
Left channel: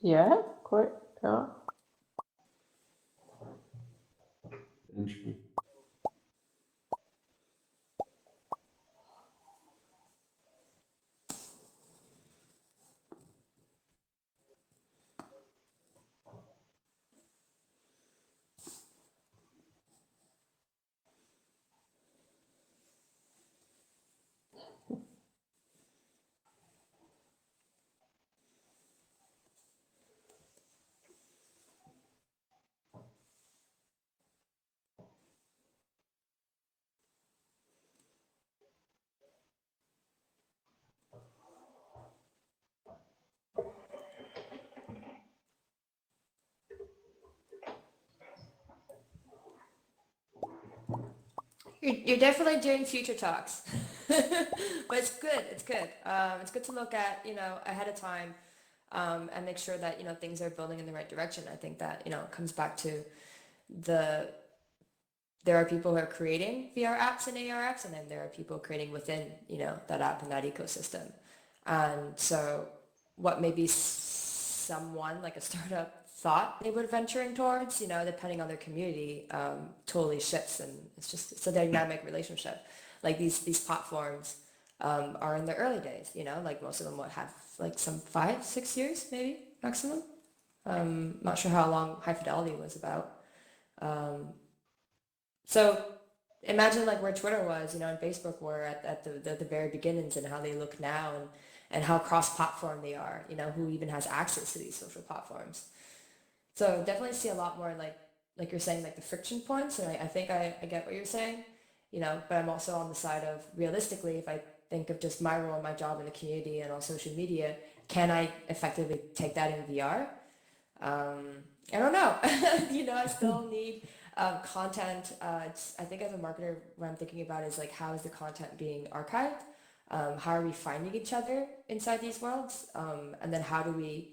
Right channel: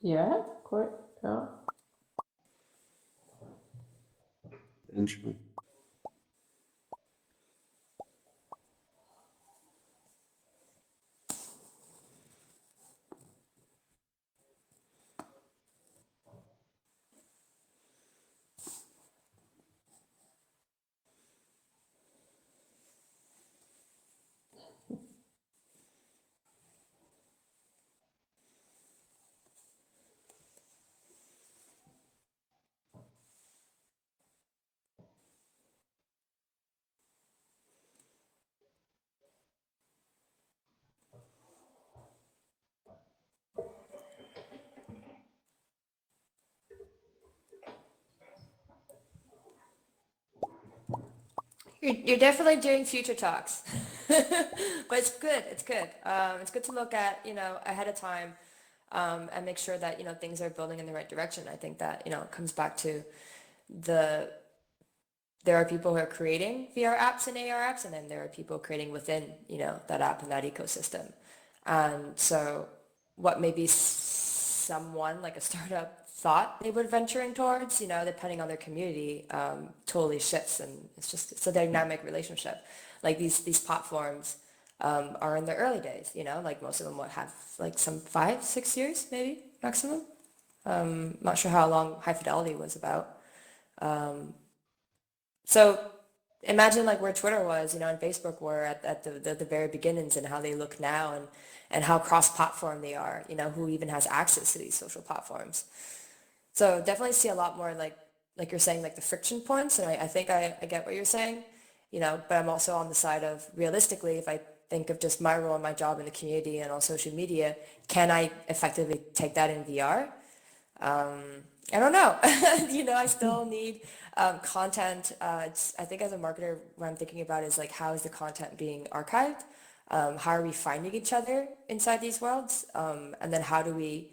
Yeah, quite. Yeah. Interesting. You're definitely doing future talks, but it's good. It's good. It's good to look at, ahead of time, and make sure that, things are building in the right direction. I think that, it comes back to the there are people who are creating VR apps and AR apps, and then there are people creating within, that app and that ecosystem. And so what maybe someone like a startup thought they would venturing towards, depending on their community, totally shifts, and it's a dynamic relationship. Like these platforms are in the early days, like most of them would have like some 5, 6 years maybe maximum. Not sure how long High Fidelity was about. So Imagine like where Twitter was, and Facebook were at the very beginnings and how they look now and how cross-platform they are, who even has access to these social platforms. So definitely see a lot more like you're saying, like the friction points, and I think I get what you're saying, but I'm also on the side of realistically, if I think of just my role and my job in the community and on social media, can I effectively take that in VR? I don't know. I still need content. I think as a marketer, what I'm thinking about is like, how is the content being archived? How are we finding each other inside these worlds? And then how do we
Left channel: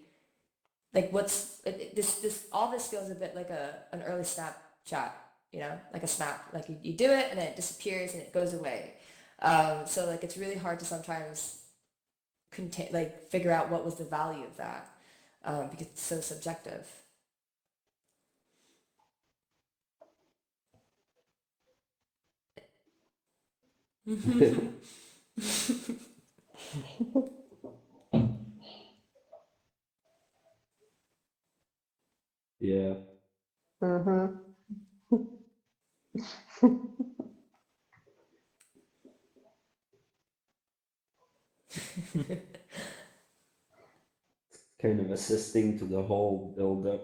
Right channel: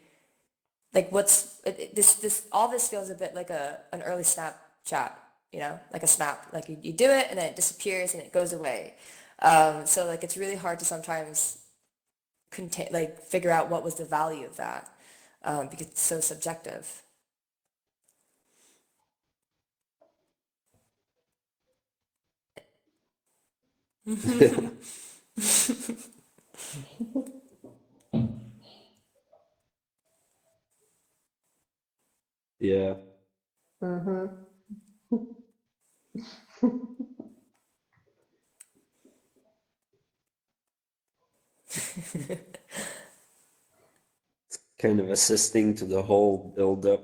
like this all this feels a bit like an early Snapchat, like a snap. Like you do it and then it disappears and it goes away. So like it's really hard to sometimes contain like figure out what was the value of that because it's so subjective. Yeah. Mm-hmm. Kind of assisting to the whole build up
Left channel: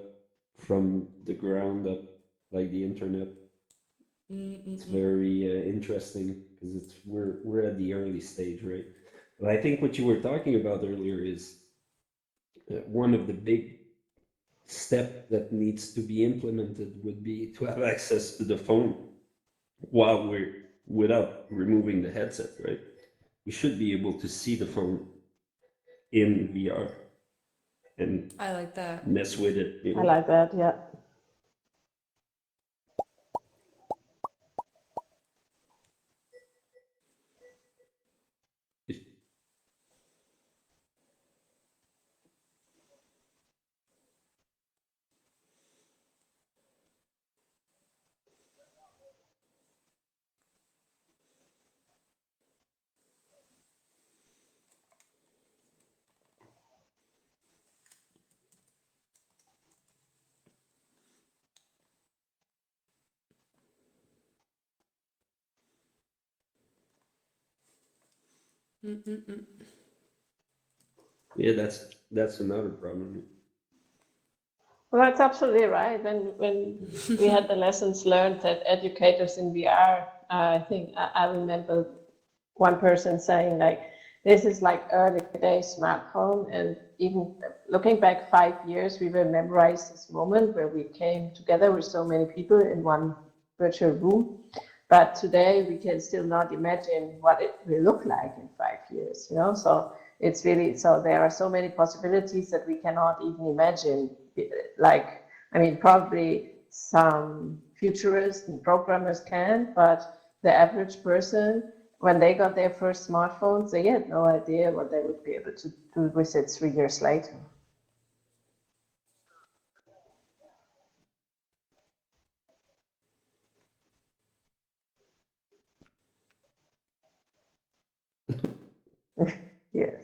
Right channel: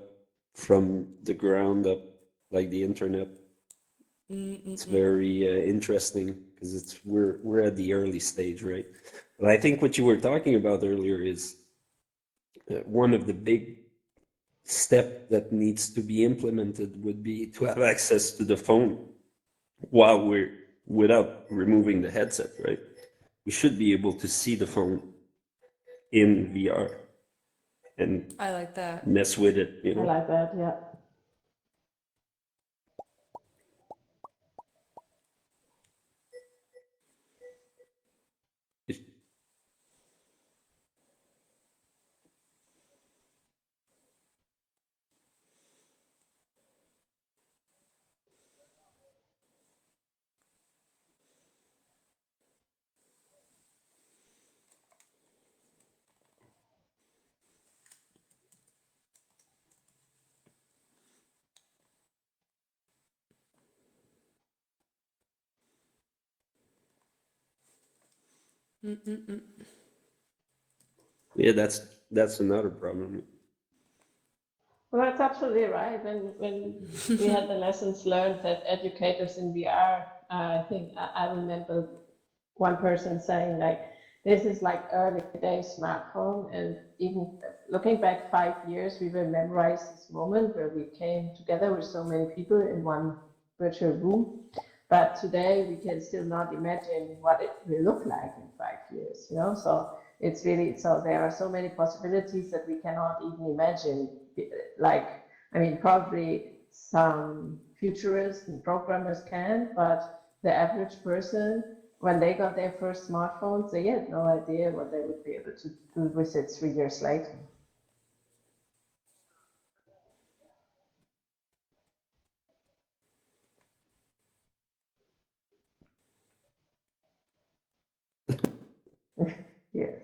from the ground up, like the internet. It's Mm-mm-mm. very interesting because we're at the early stage, right? But I think what you were talking about earlier is one of the big step that needs to be implemented would be to have access to the phone while we're without removing the headset, right? We should be able to see the phone in VR and I like that. mess with it, you I know? like that. Yeah. If- Mm-mm-mm. Yeah, that's another problem. Well, that's absolutely right. When we had the lessons learned that educators in VR, I think I remember one person saying like, this is like early days smartphone, and even looking back 5 years, we will memorize this moment where we came together with so many people in one virtual room. But today we can still not imagine what it will look like in 5 years, So it's really, so there are so many possibilities that we cannot even imagine. Like, I mean, probably some futurists and programmers can, but the average person, when they got their first smartphones, they had no idea what they would be able to do with it 3 years later. Yes.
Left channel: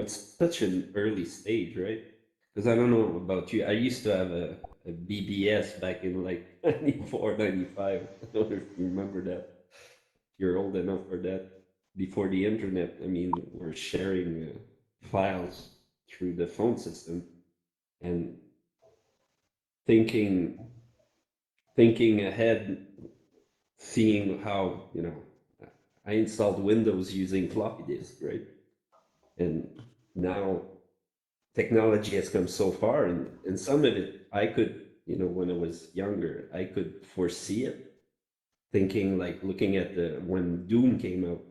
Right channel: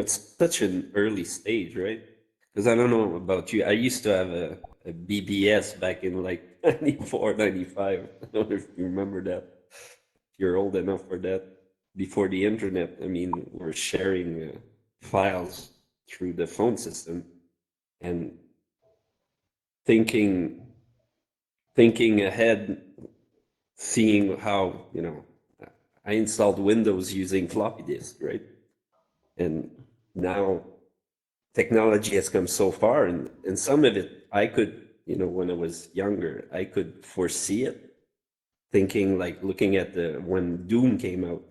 it's such an early stage, right? Because I don't know about you. I used to have a BBS back in like 94, 95. I don't know if you remember that. If you're old enough for that. Before the internet, I mean, we're sharing files through the phone system and thinking thinking ahead, seeing how, I installed Windows using floppy disk, right? And now technology has come so far, and some of it I could, when I was younger, I could foresee it, thinking like looking at the when Doom came out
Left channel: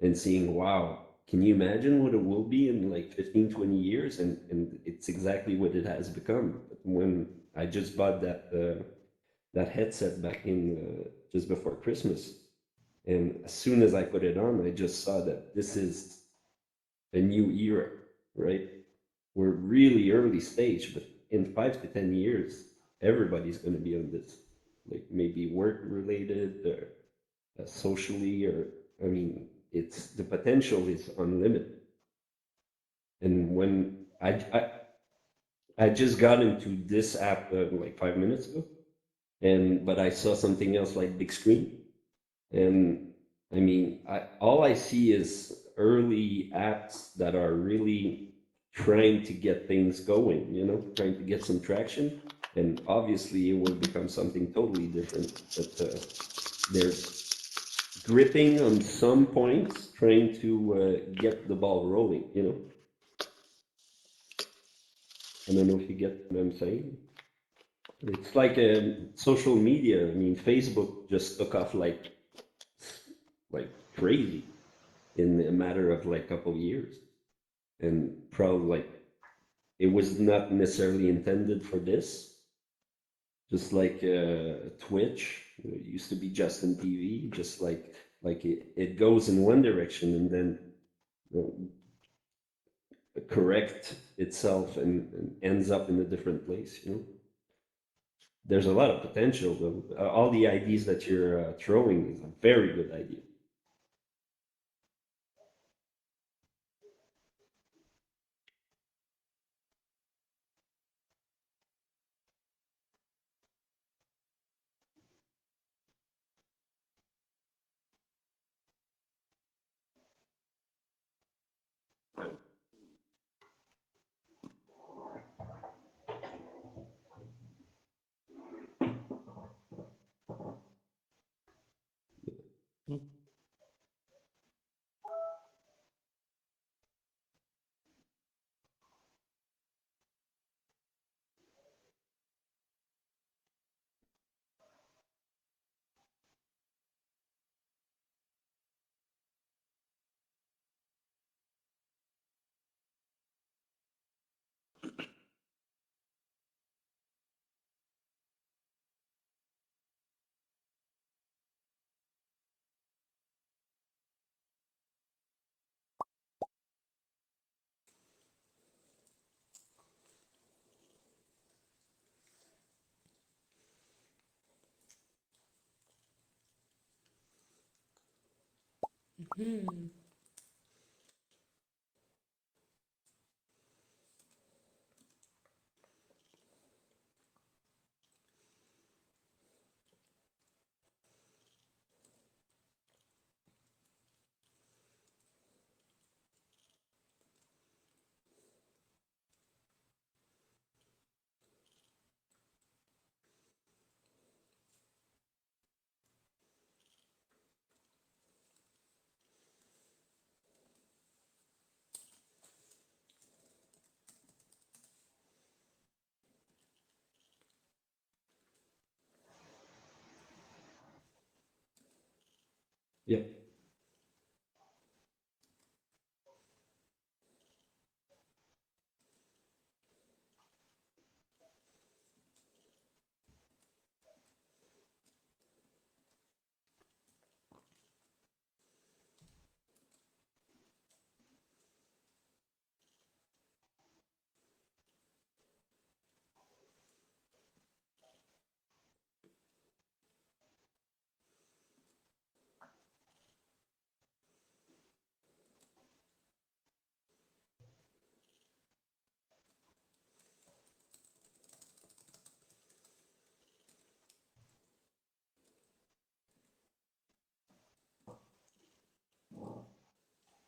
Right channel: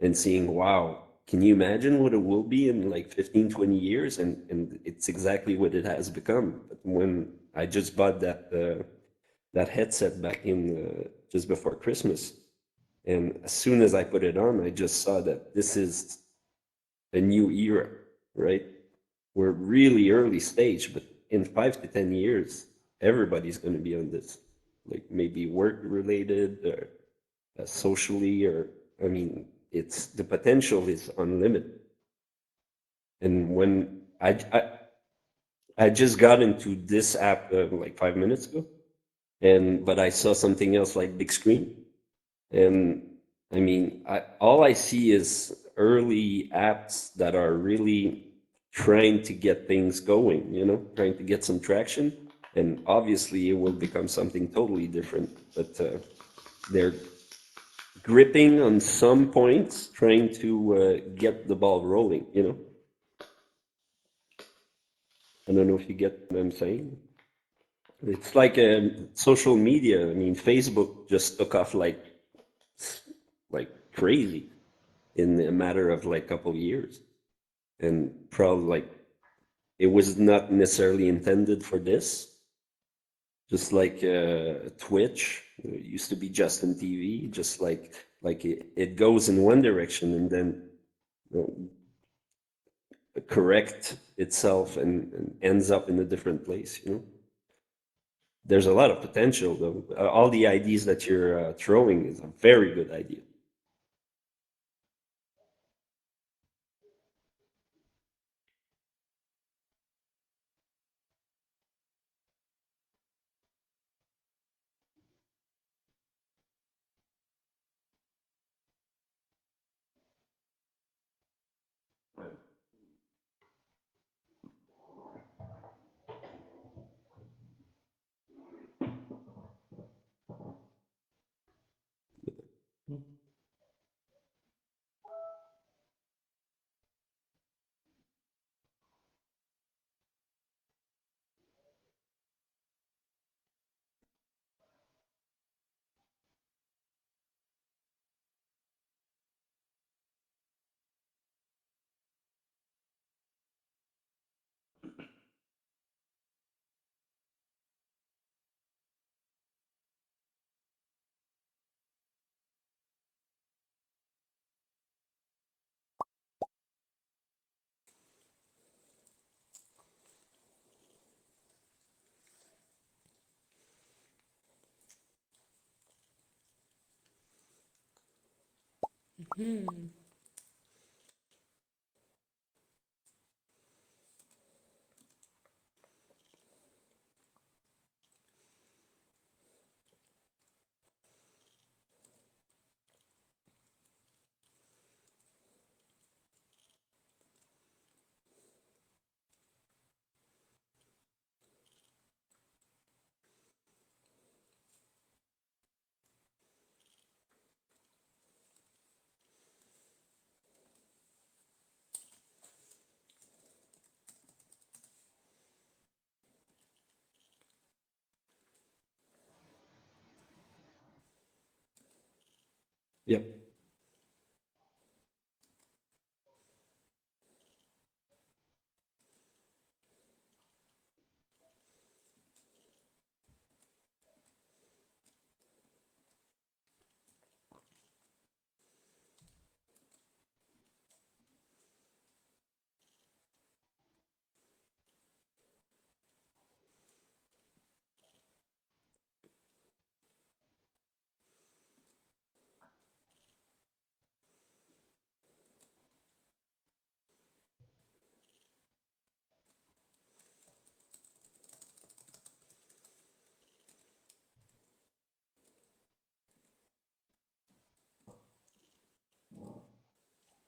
and seeing, wow, can you imagine what it will be in like 15, 20 years? And it's exactly what it has become. But when I just bought that headset back in just before Christmas, and as soon as I put it on, I just saw that this is a new era, right? We're really early stage, but in 5 to 10 years, everybody's going to be on this, like maybe work related or socially, or I mean, it's the potential is unlimited. And when I just got into this app like 5 minutes ago, and but I saw something else like big screen, and I mean, all I see is early apps that are really trying to get things going, trying to get some traction. And obviously, it will become something totally different. But they're gripping on some points, trying to get the ball rolling. I don't know if you get what I'm saying. It's like social media. I mean, Facebook just took off like crazy in a matter of like a couple of years, and probably like it was not necessarily intended for this. Just like Twitch, it used to be just in TV, just like it goes in one direction and then you correct itself and ends up in a different place. There's a lot of potential though. All the ideas that you're throwing is a very good idea. Yep.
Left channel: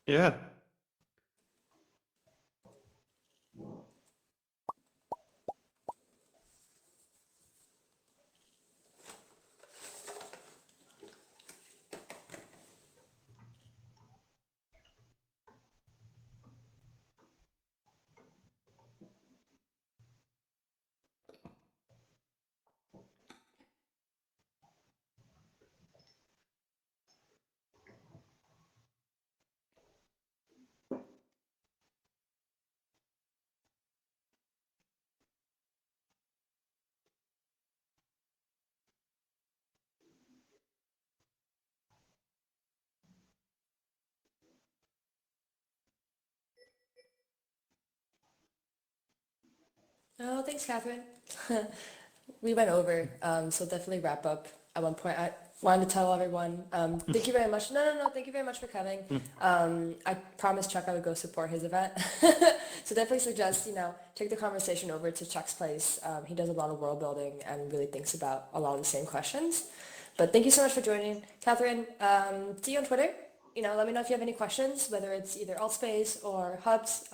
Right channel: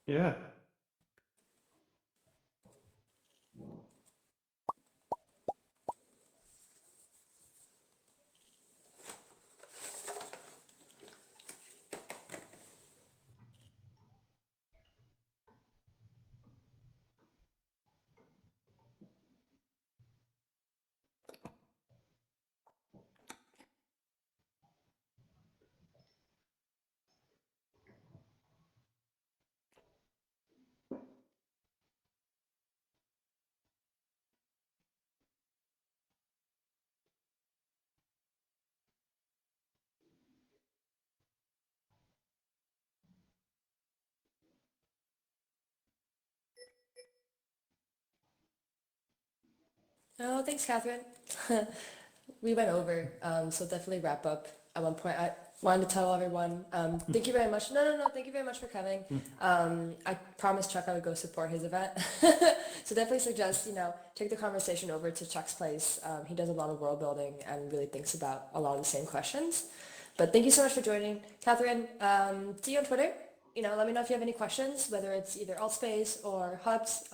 Yeah. Oh, thanks, Catherine. We went over, so definitely wrap up. At one point, I wanted to tell everyone, thank you very much. No, thank you very much for coming. I promised Chuck I would go support his event. So definitely suggest, take the conversation over to Chuck's place. He does a lot of world building and really thinks about a lot of the same questions. But thank you so much for joining. Catherine, see you on Twitter. Let me know if you have any questions, whether it's either Altspace or Hubs.